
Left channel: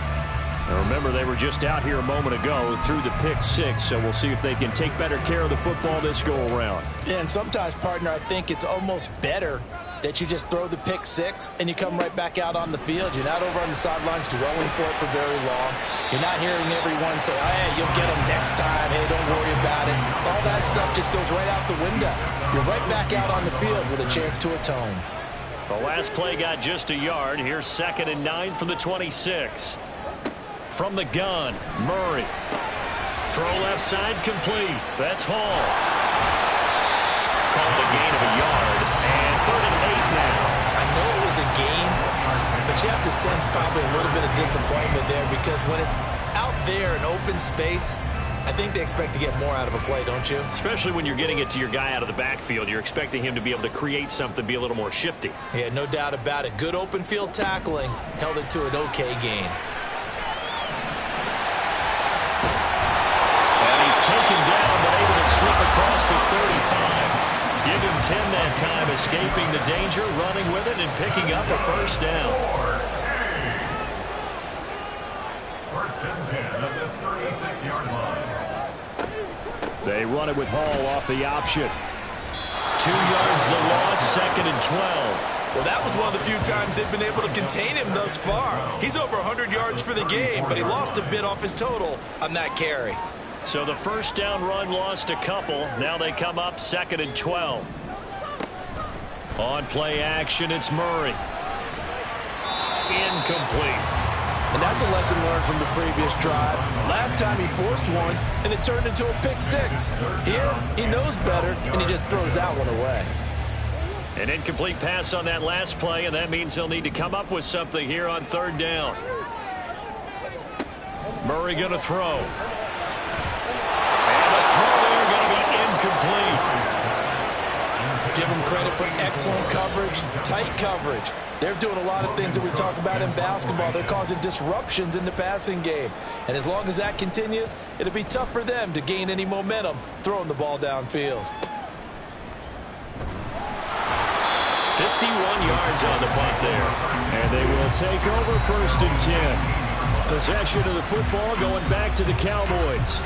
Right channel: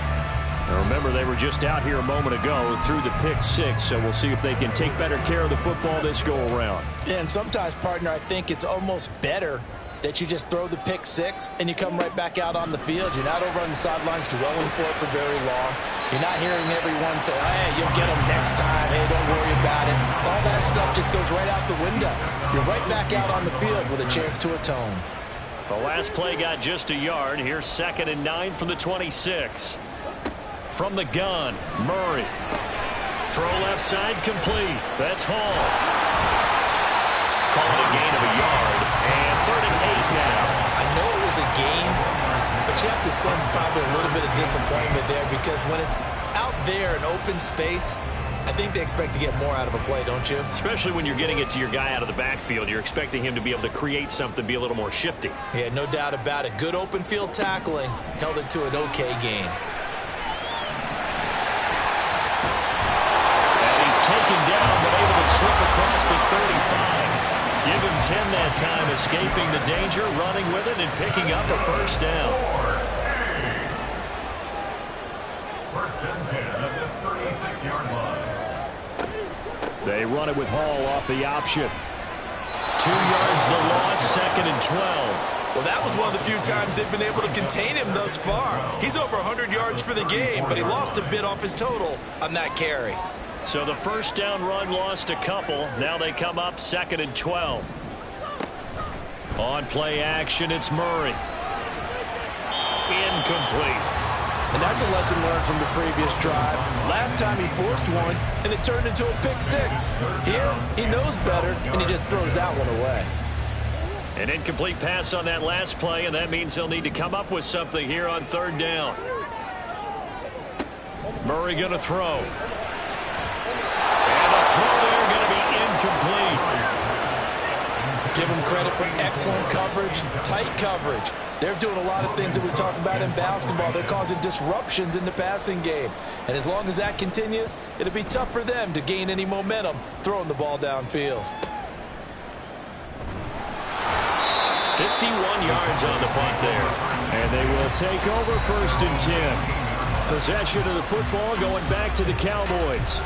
And remember, they were just out here a moment ago through the pick 6, so we'll see if they can take better care of the football this go-around. Yeah, and sometimes, partner, I think it's almost better that you just throw the pick 6 and you come right back out on the field. You're not over on the sidelines dwelling for it for very long. You're not hearing everyone say, oh, hey, you'll get them next time. Hey, don't worry about it. All that stuff just goes right out the window. You're right back out on the field with a chance to atone. The last play got just a yard. Here's 2nd and 9 from the 26. From the gun, Murray. Throw left side complete. That's Hall. Call it a gain of a yard. And 3rd and 8 now. I know it was a gain, but you have to sense probably a little bit of disappointment there, because when it's out there in open space, I think they expect to get more out of a play, don't you? Especially when you're getting it to your guy out of the backfield. You're expecting him to be able to create something, be a little more shifty. Yeah, no doubt about it. Good open field tackling held it to an okay gain. And he's taken down, but able to slip across the 35. Give him 10 that time, escaping the danger, running with it, and picking up a first down. 1st and 10 at the 36-yard line. They run it with Hall off the option. 2 yards the loss, 2nd and 12. Well, that was one of the few times they've been able to contain him thus far. He's over 100 yards for the game, but he lost a bit off his total on that carry. So the first down run lost a couple. Now they come up 2nd and 12. On play action, it's Murray. Incomplete. And that's a lesson learned from the previous drive. Last time he forced one, and it turned into a pick 6. Here, he knows better, and he just throws that one away. An incomplete pass on that last play, and that means he'll need to come up with something here on 3rd down. Murray going to throw. And the throw there going to be incomplete. Give him credit for excellent coverage, tight coverage. They're doing a lot of things that we talk about in basketball. They're causing disruptions in the passing game. And as long as that continues, it'll be tough for them to gain any momentum throwing the ball downfield. 51 yards on the punt there. And they will take over 1st and 10. Possession of the football going back to the Cowboys.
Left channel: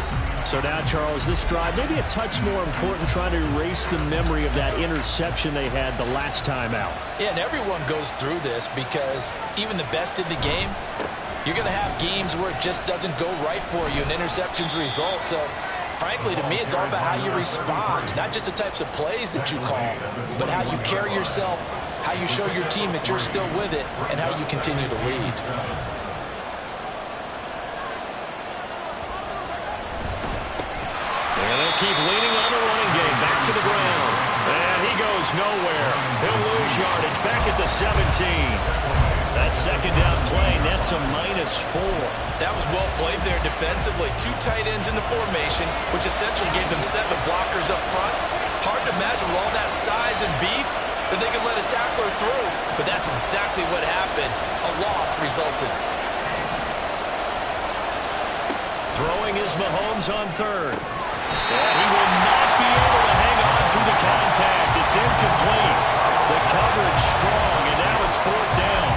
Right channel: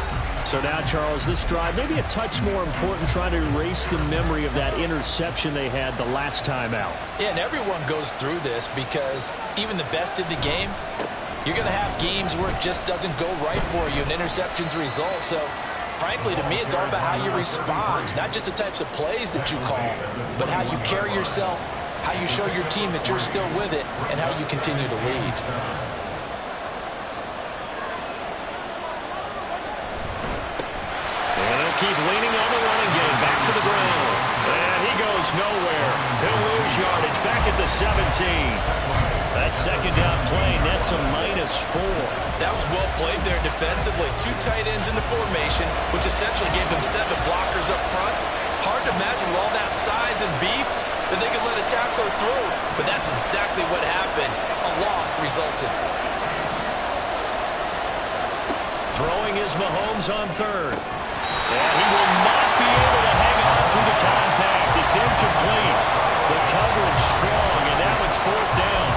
So now, Charles, this drive maybe a touch more important, trying to erase the memory of that interception they had the last time out. Yeah, and everyone goes through this, because even the best in the game, you're going to have games where it just doesn't go right for you and interceptions result. So, frankly, to me, it's all about how you respond, not just the types of plays that you call, but how you carry yourself, how you show your team that you're still with it, and how you continue to lead. keep leaning on the running game. Back to the ground. And he goes nowhere. He'll lose yardage back at the 17. That second down play nets a -4. That was well played there defensively. 2 tight ends in the formation, which essentially gave them 7 blockers up front. Hard to imagine with all that size and beef that they could let a tackler through. But that's exactly what happened. A loss resulted. Throwing is Mahomes on third. And he will not be able to hang on through the contact. It's incomplete. The coverage strong, and now it's 4th down.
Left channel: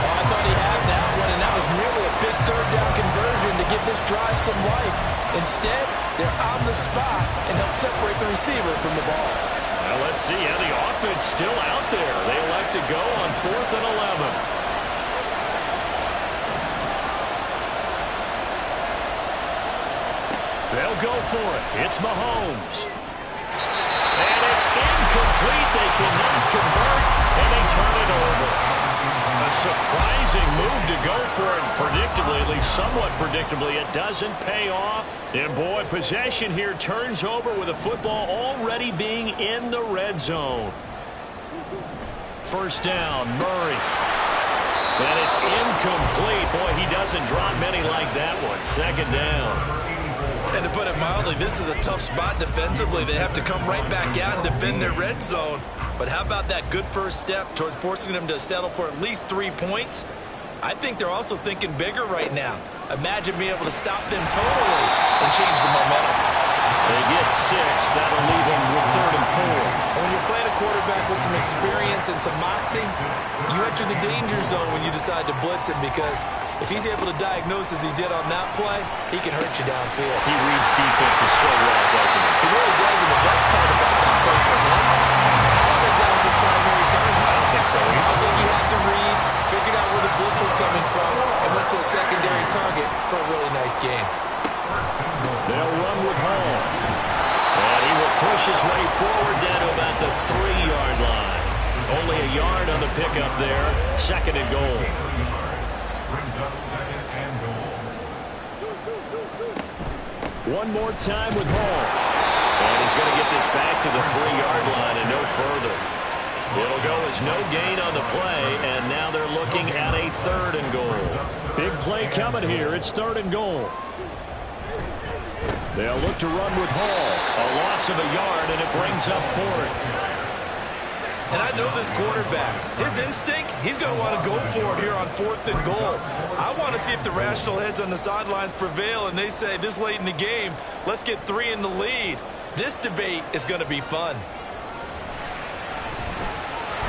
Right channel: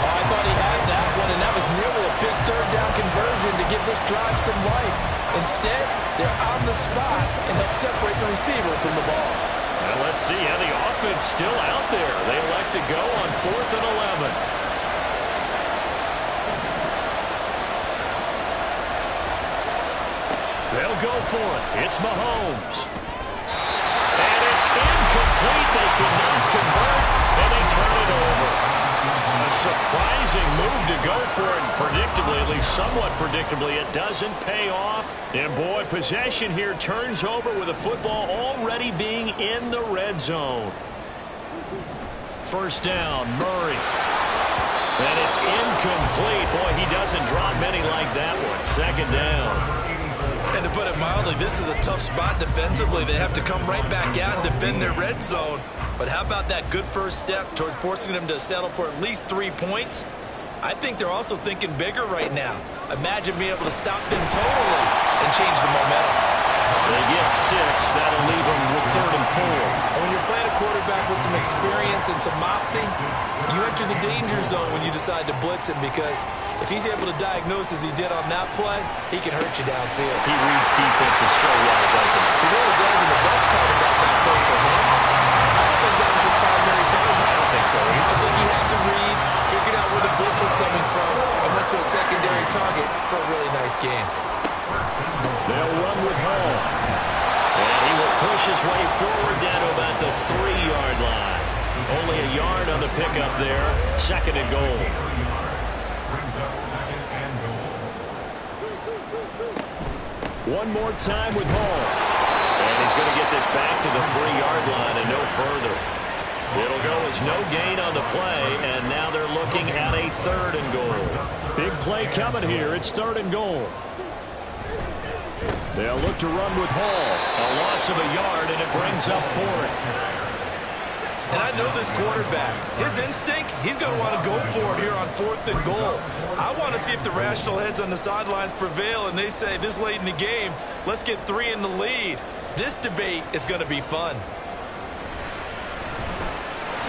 Oh, I thought he had that one, and that was nearly a big 3rd down conversion to give this drive some life. Instead, they're on the spot and help separate the receiver from the ball. Well, let's see how the offense still out there. They elect to go on 4th and 11. They'll go for it. It's Mahomes. And it's incomplete. They cannot convert, and they turn it over. A surprising move to go for it. Predictably, at least somewhat predictably, it doesn't pay off. And, boy, possession here turns over with the football already being in the red zone. 1st down, Murray. And it's incomplete. Boy, he doesn't drop many like that one. 2nd down. And to put it mildly, this is a tough spot defensively. They have to come right back out and defend their red zone. But how about that good first step towards forcing them to settle for at least 3 points? I think they're also thinking bigger right now. Imagine being able to stop them totally and change the momentum. They get 6. That'll leave them with 3rd and 4. And when you're playing a quarterback with some experience and some moxie, you enter the danger zone when you decide to blitz him, because if he's able to diagnose as he did on that play, he can hurt you downfield. He reads defenses so well, doesn't he? He really does, and the best part about that play for him, I don't think that was his primary target. I don't think so either. I think he had to read, figured out where the blitz was coming from, and went to a secondary target for a really nice game. They'll run with Hall. And he will push his way forward down to about the 3-yard line. Only a yard on the pickup there. 2nd and goal. Brings up 2nd and goal. One more time with Hall. And he's going to get this back to the 3-yard line and no further. It'll go as no gain on the play, and now they're looking at a 3rd and goal. Big play coming here. It's 3rd and goal. They'll look to run with Hall. A loss of a yard, and it brings up 4th. And I know this quarterback. His instinct, he's going to want to go for it here on 4th and goal. I want to see if the rational heads on the sidelines prevail, and they say this late in the game, let's get 3 in the lead. This debate is going to be fun.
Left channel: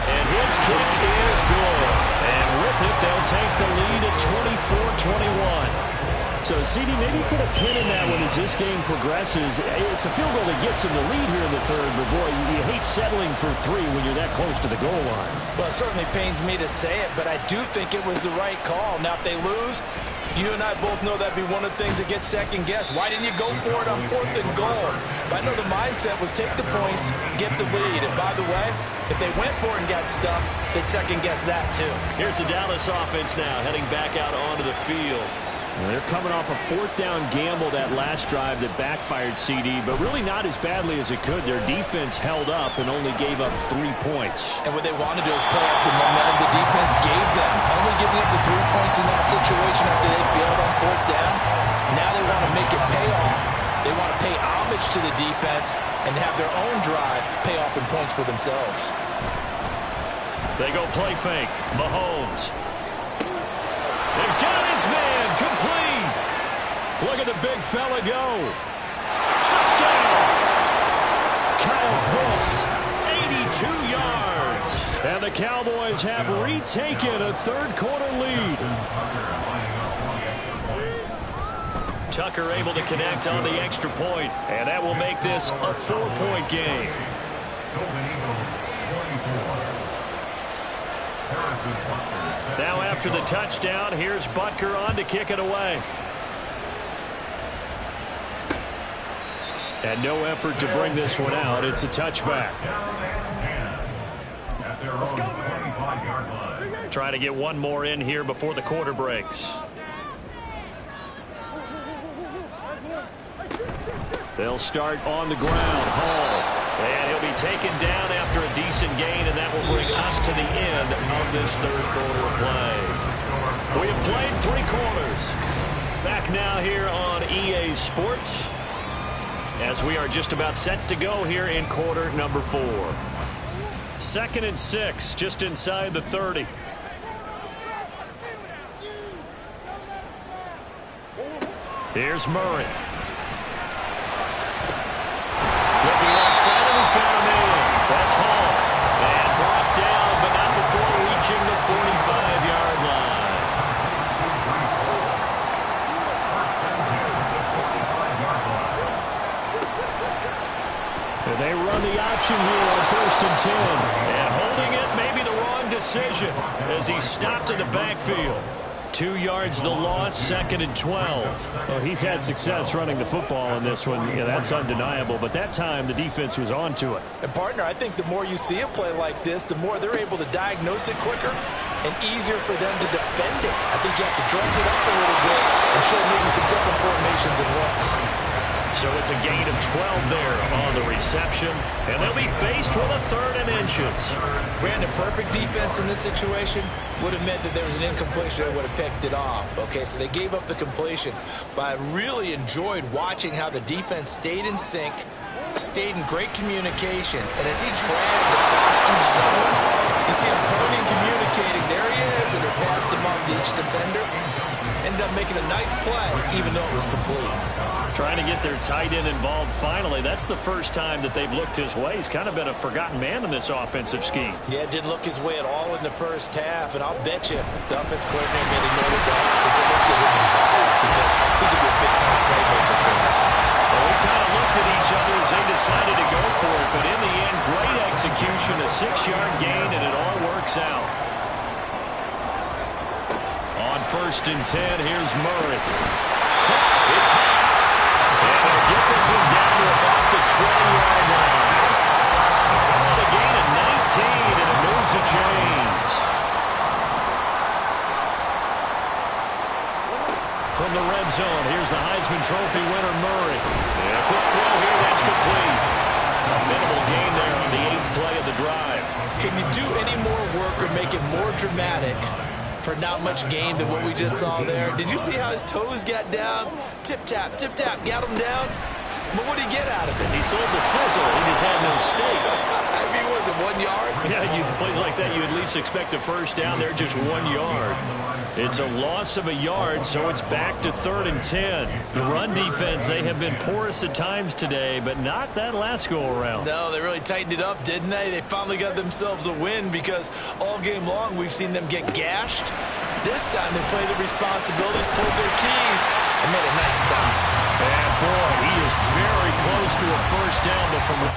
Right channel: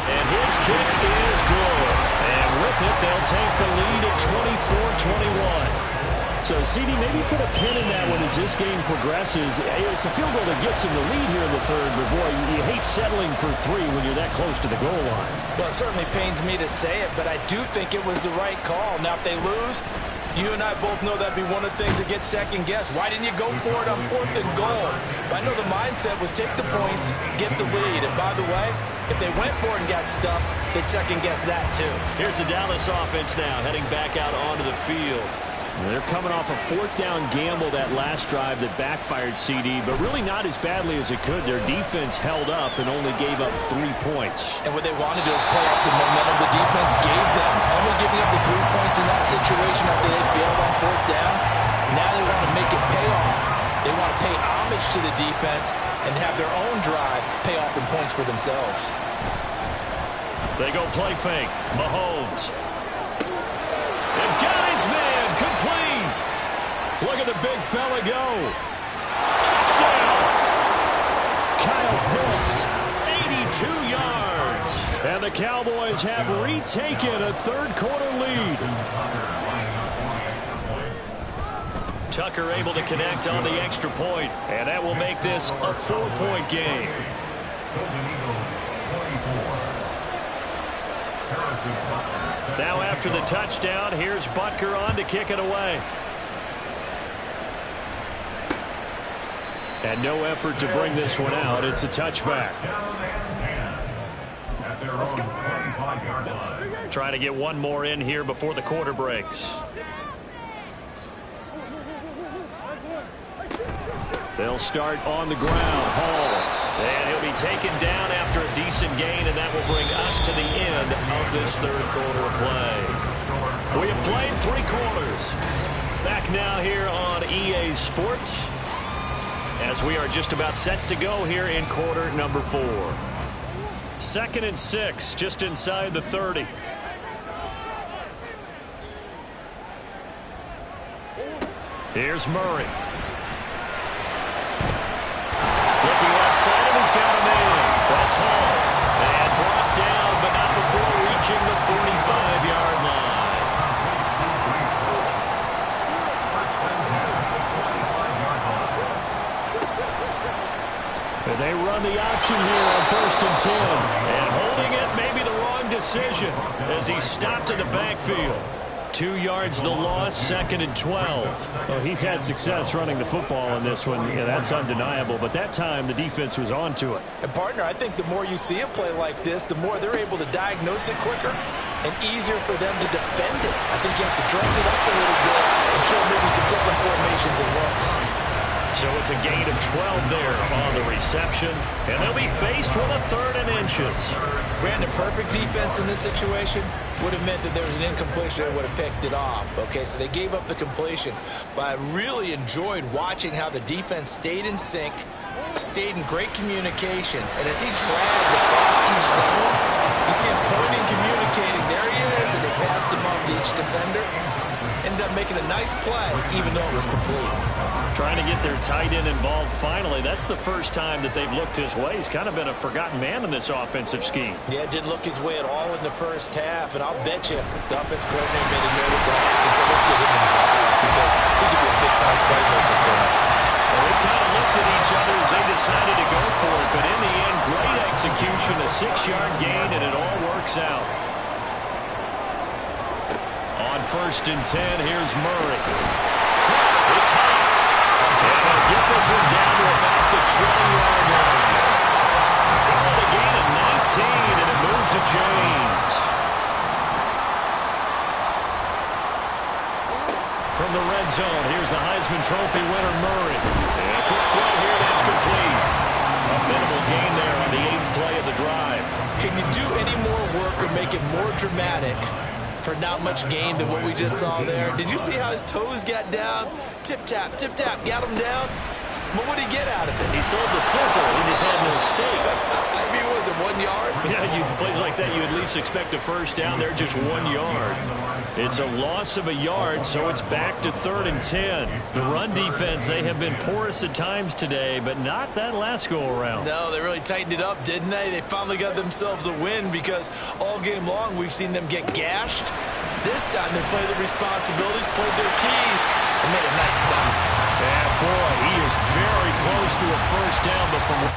And his kick is good. And with it, they'll take the lead at 24-21. So, CD, maybe put a pin in that one as this game progresses. It's a field goal that gets him the lead here in the 3rd, but, boy, you hate settling for 3 when you're that close to the goal line. Well, it certainly pains me to say it, but I do think it was the right call. Now, if they lose, you and I both know that'd be one of the things that gets second-guessed. Why didn't you go for it on 4th and goal? But I know the mindset was take the points, get the lead. And, by the way, if they went for it and got stuffed, they'd second-guess that, too. Here's the Dallas offense now heading back out onto the field. They're coming off a 4th down gamble that last drive that backfired, CD, but really not as badly as it could. Their defense held up and only gave up 3 points. And what they wanted to do is play off the momentum the defense gave them. Only giving up the 3 points in that situation after they failed on 4th down. Now they want to make it pay off. They want to pay homage to the defense and have their own drive pay off in points for themselves. They go play fake. Mahomes. They've got his man complete. Look at the big fella go. Touchdown. Kyle Pitts, 82 yards. And the Cowboys have retaken a 3rd quarter lead. Tucker able to connect on the extra point, and that will make this a 4-point game. Golden Eagles 24. Now after the touchdown, here's Butker on to kick it away. And no effort to bring this one out. It's a touchback. Trying to get one more in here before the quarter breaks. They'll start on the ground. Hall. And he'll be taken down after a decent gain, and that will bring us to the end of this third quarter of play. We have played 3 quarters. Back now here on EA Sports as we are just about set to go here in quarter number 4. 2nd and 6, just inside the 30. Here's Murray. Looking left side, and he's got him in. That's Hall. And brought down, but not before reaching the 45-yard line. They run the option here on 1st and 10. And holding it may be the wrong decision as he stopped in the backfield. 2 yards the loss, 2nd and 12. Well, he's had success running the football in this one. Yeah, that's undeniable. But that time, the defense was onto it. And, partner, I think the more you see him play like this, the more they're able to diagnose it quicker and easier for them to defend it. I think you have to dress it up a little bit and show maybe some different formations and looks. So it's a gain of 12 there on the reception. And they'll be faced with a 3rd and inches. Brandon, perfect defense in this situation would have meant that there was an incompletion and would have picked it off. Okay, so they gave up the completion. But I really enjoyed watching how the defense stayed in sync, stayed in great communication. And as he dragged across each zone, you see him pointing, communicating. There he is, and they passed him off to each defender. Ended up making a nice play, even though it was complete. Trying to get their tight end involved finally. That's the first time that they've looked his way. He's kind of been a forgotten man in this offensive scheme. Yeah, didn't look his way at all in the first half, and I'll bet you the offense coordinator made a note of that and said, let's get him involved because he could be a big-time playmaker for us. Well, we kind of looked at each other as they decided to go for it, but in the end, great execution, a 6-yard gain, and it all works out. On 1st and 10, here's Murray. It's hot. And they'll get this one down to about the 20-yard line. They call it a gain of 19, and it moves the chains. From the red zone, here's the Heisman Trophy winner, Murray. And a quick throw here, that's complete. A minimal gain there on the 8th play of the drive. Can you do any more work or make it more dramatic for not much gain than what we just saw there? Did you see how his toes got down? Tip-tap, got him down. But what did he get out of it? He sold the sizzle. He just had no steak. I mean, was it 1 yard? Yeah, plays like that, you at least expect a first down there, just 1 yard. It's a loss of a yard, so it's back to 3rd and 10. The run defense, they have been porous at times today, but not that last go-around. No, they really tightened it up, didn't they? They finally got themselves a win because all game long we've seen them get gashed. This time they played their responsibilities, played their keys, and made a nice stop. And boy, he is very close to a first down, but from...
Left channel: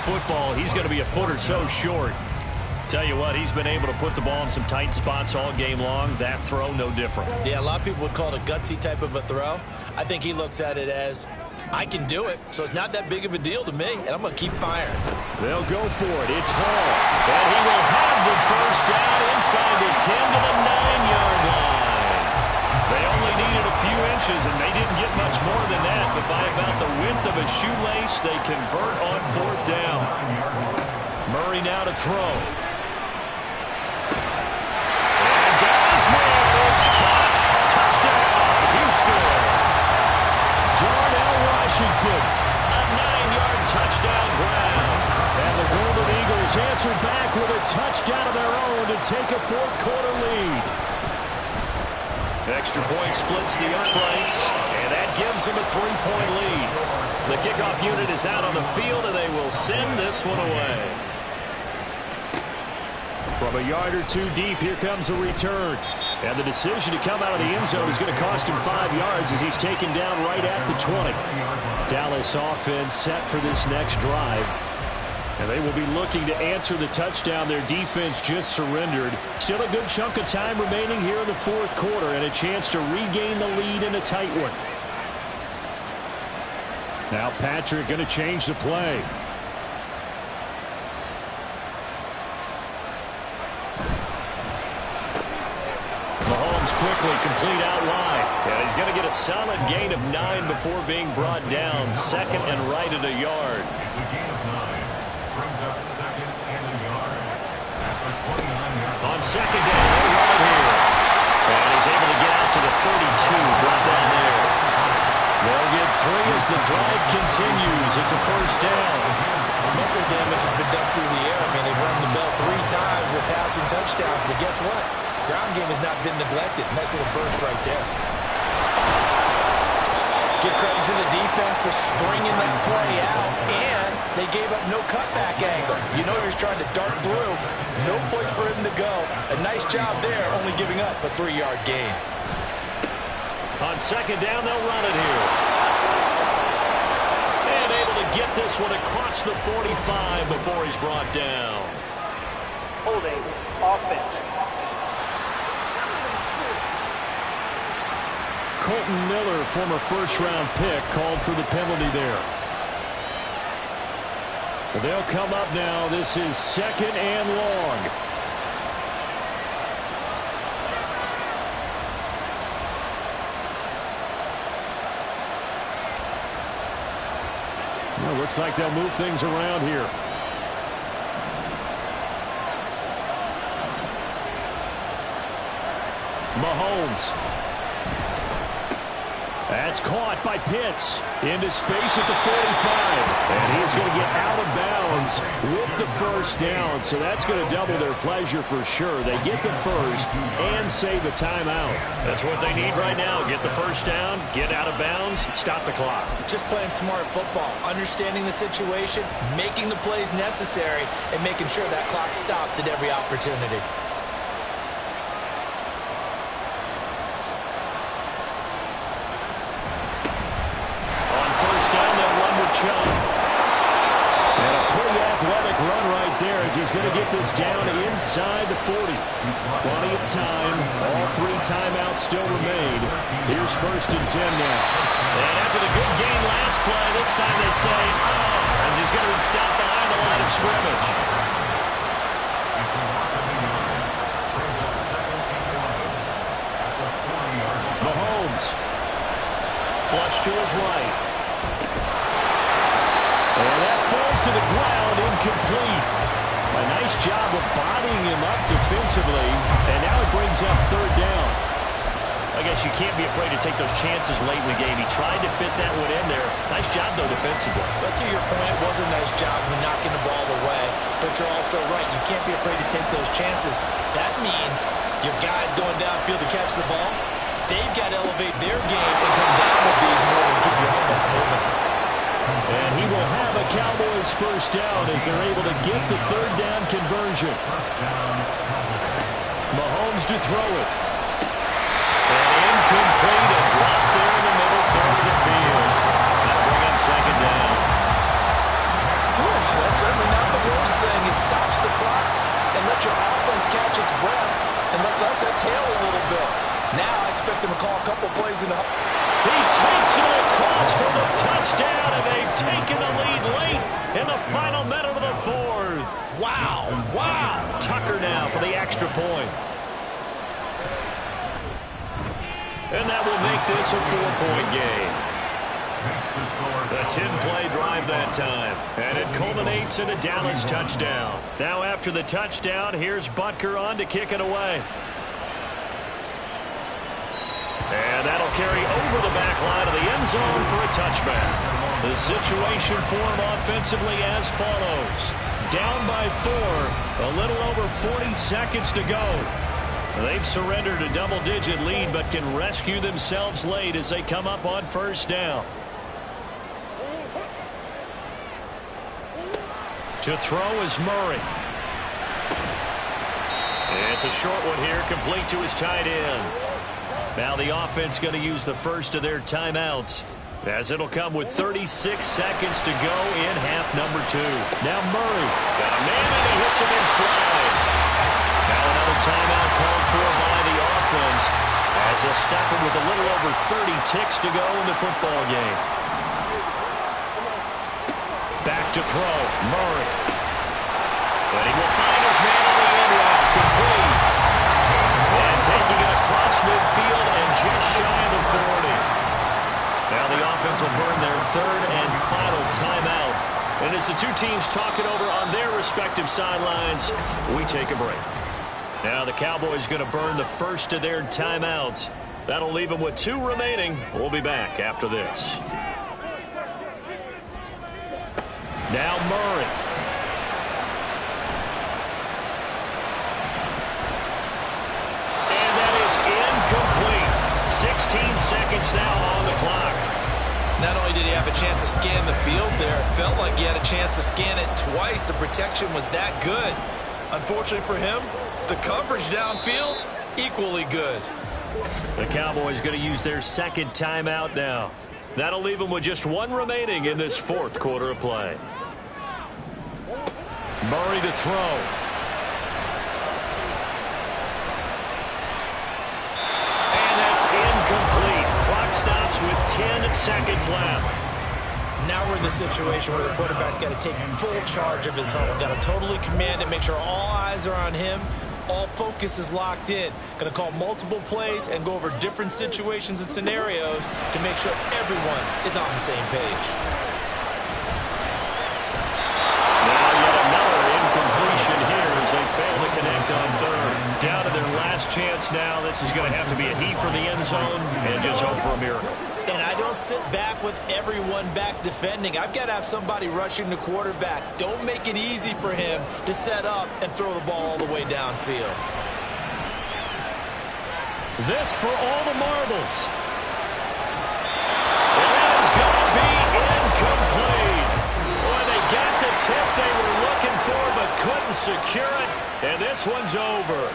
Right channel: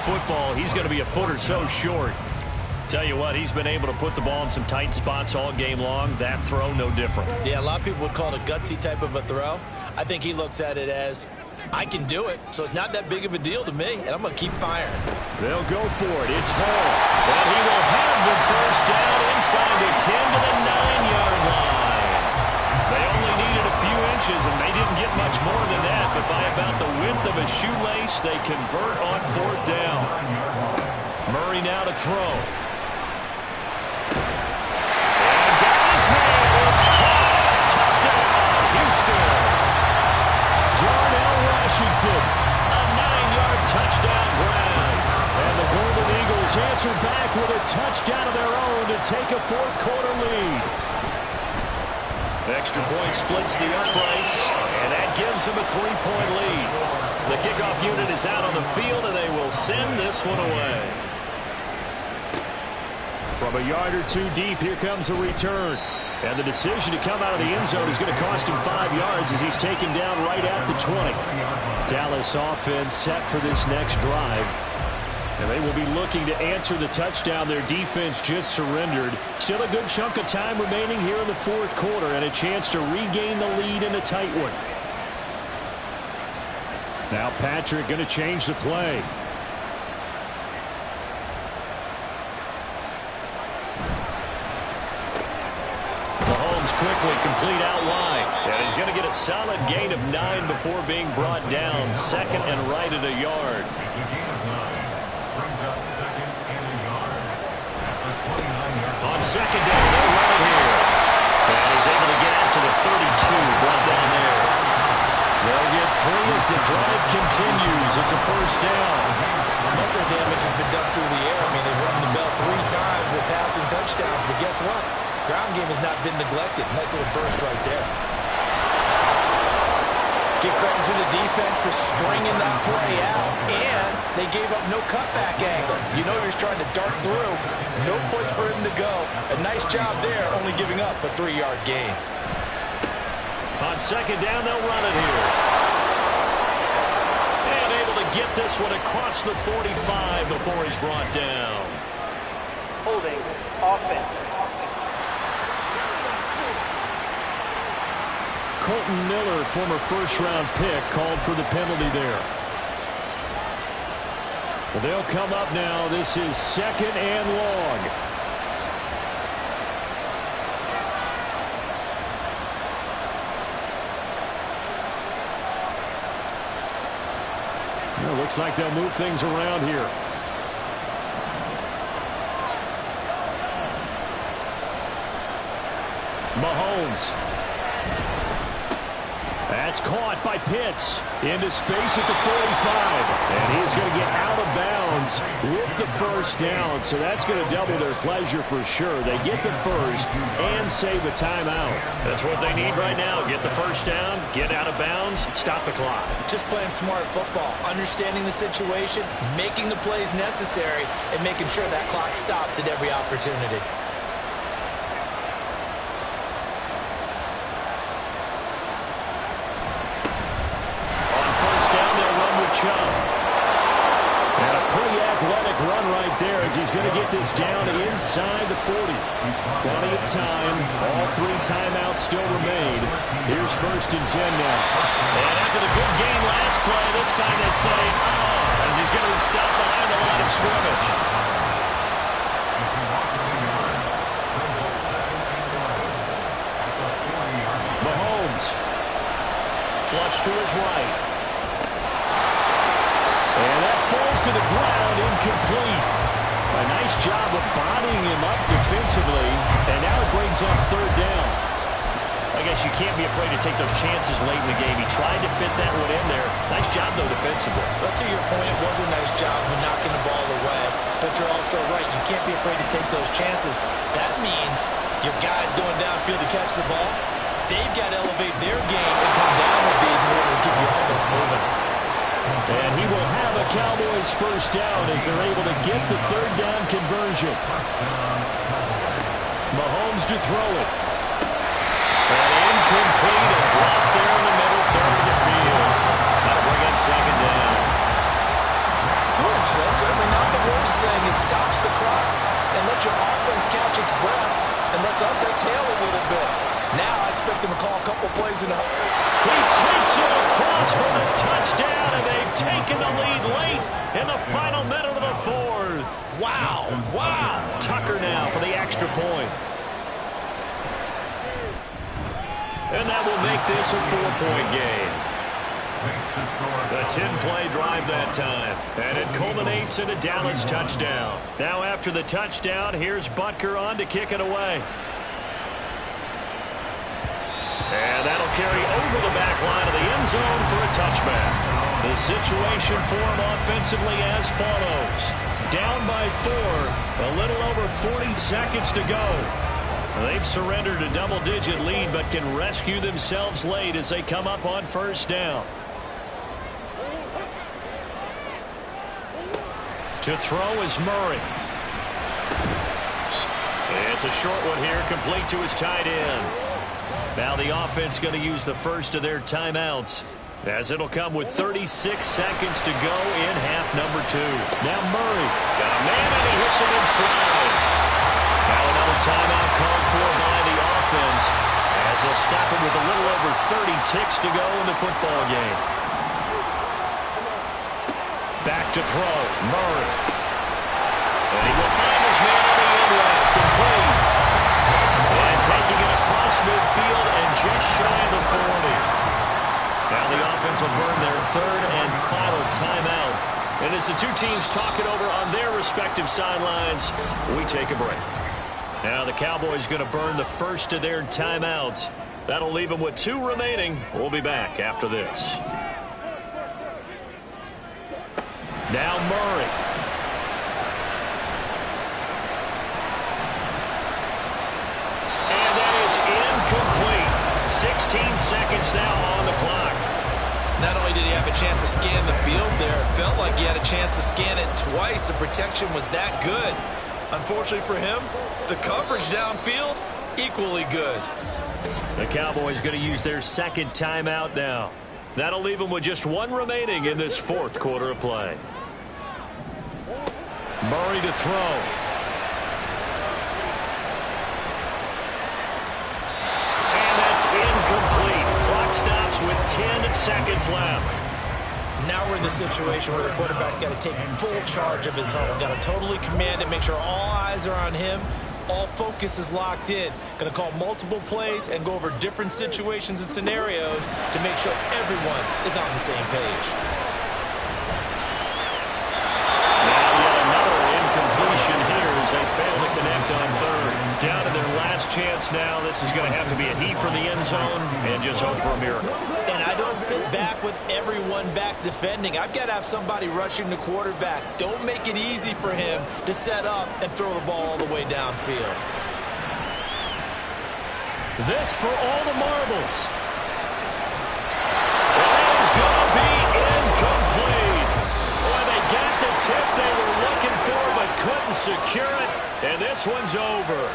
Football, he's going to be a foot or so short. Tell you what, he's been able to put the ball in some tight spots all game long. That throw, no different. Yeah, a lot of people would call it a gutsy type of a throw. I think he looks at it as, I can do it, so it's not that big of a deal to me, and I'm going to keep firing. They'll go for it. It's Hall. And he will have the first down inside the 10 to the 9-yard line. pushes, and they didn't get much more than that, but by about the width of a shoelace, they convert on 4th down. Murray now to throw. And got his man. It's caught. Touchdown, Houston. Darnell Washington, a 9-yard touchdown grab. And the Golden Eagles answer back with a touchdown of their own to take a 4th quarter lead. Extra point splits the uprights, and that gives them a 3-point lead. The kickoff unit is out on the field, and they will send this one away. From a yard or two deep, here comes a return. And the decision to come out of the end zone is going to cost him 5 yards as he's taken down right at the 20. Dallas offense set for this next drive. And they will be looking to answer the touchdown their defense just surrendered. Still a good chunk of time remaining here in the 4th quarter and a chance to regain the lead in a tight one. Now Patrick going to change the play. Mahomes quickly complete out wide. And he's going to get a solid gain of 9 before being brought down. 2nd and right at a yard. It's a gain of 9. Brings up 2nd and a yard. At the 29-yard line. On 2nd down, they'll run it here. And he's able to get out to the 32, brought down there. They'll get 3 as the drive continues. It's a 1st down. Muscle damage has been done through the air. I mean, they've run the bell 3 times with passing touchdowns, but guess what? Ground game has not been neglected. Nice little burst right there. Give credit to the defense for stringing that play out, and they gave up no cutback angle. You know he was trying to dart through. No place for him to go. A nice job there, only giving up a 3-yard gain. On 2nd down, they'll run it here. And able to get this one across the 45 before he's brought down. Holding offense. Colton Miller, former 1st-round pick, called for the penalty there. They'll come up now. This is 2nd and long. Well, looks like they'll move things around here. Mahomes. That's caught by Pitts into space at the 45. And he's going to get out of bounds with the 1st down. So that's going to double their pleasure for sure. They get the 1st and save a timeout. That's what they need right now. Get the 1st down, get out of bounds, stop the clock. Just playing smart football, understanding the situation, making the plays necessary, and making sure that clock stops at every opportunity. Chubb. And a pretty athletic run right there as he's going to get this down inside the 40. Plenty of time. All 3 timeouts still remain. Here's 1st and 10 now. And after the good game last play, this time they say, oh, as he's going to be stopped behind the line of scrimmage. Mahomes. Flush to his right. And that falls to the ground, incomplete. A nice job of bodying him up defensively, and now it brings up 3rd down. I guess you can't be afraid to take those chances late in the game. He tried to fit that one in there. Nice job, though, defensively. But to your point, it was a nice job of knocking the ball away. But you're also right. You can't be afraid to take those chances. That means your guys going downfield to catch the ball, they've got to elevate their game and come down with these in order to keep your offense moving. And he will have a Cowboys 1st down as they're able to get the 3rd down conversion. Mahomes to throw it. And incomplete, a drop there in the middle 3rd of the field. That'll bring up 2nd down. That's certainly not the worst thing. It stops the clock and lets your offense catch its breath and lets us exhale a little bit. Now I expect them to call a couple plays in the... He takes it across for the touchdown, and they've taken the lead late in the final minute of the 4th. Wow, wow. Tucker now for the extra point. And that will make this a 4-point game. A 10-play drive that time. And it culminates in a Dallas touchdown. Now after the touchdown, here's Butker on to kick it away. And that'll carry over the back line of the end zone for a touchback. The situation for him offensively as follows. Down by 4, a little over 40 seconds to go. They've surrendered a double-digit lead but can rescue themselves late as they come up on first down. To throw is Murray. It's a short one here, complete to his tight end. Now the offense going to use the first of their timeouts, as it'll come with 36 seconds to go in half number 2. Now Murray got a man and he hits him in stride. Now another timeout called for by the offense, as they'll stop him with a little over 30 ticks to go in the football game. Back to throw, Murray. And he will find his man on the end route, complete. And taking it across midfield and just shy of the 40. Now the offense will burn their third and final timeout. And as the two teams talk it over on their respective sidelines, we take a break. Now the Cowboys going to burn the first of their timeouts. That'll leave them with 2 remaining. We'll be back after this. Now Murray. And that is incomplete. 16 seconds now on the clock. Not only did he have a chance to scan the field there, it felt like he had a chance to scan it twice. The protection was that good. Unfortunately for him, the coverage downfield, equally good. The Cowboys going to use their second timeout now. That'll leave them with just 1 remaining in this fourth quarter of play. Murray to throw. And that's incomplete. Clock stops with 10 seconds left. Now we're in the situation where the quarterback's got to take full charge of his huddle. Got to totally command it, make sure all eyes are on him. All focus is locked in. Going to call multiple plays and go over different situations and scenarios to make sure everyone is on the same page. Completion here as they fail to connect on third. Down to their last chance now. This is going to have to be a heave from the end zone and just hope for a miracle. And I don't sit back with everyone back defending. I've got to have somebody rushing the quarterback. Don't make it easy for him to set up and throw the ball all the way downfield. This for all the marbles. And that is going to be incomplete. Boy, they got the tip they were looking for but couldn't secure it, and this one's over.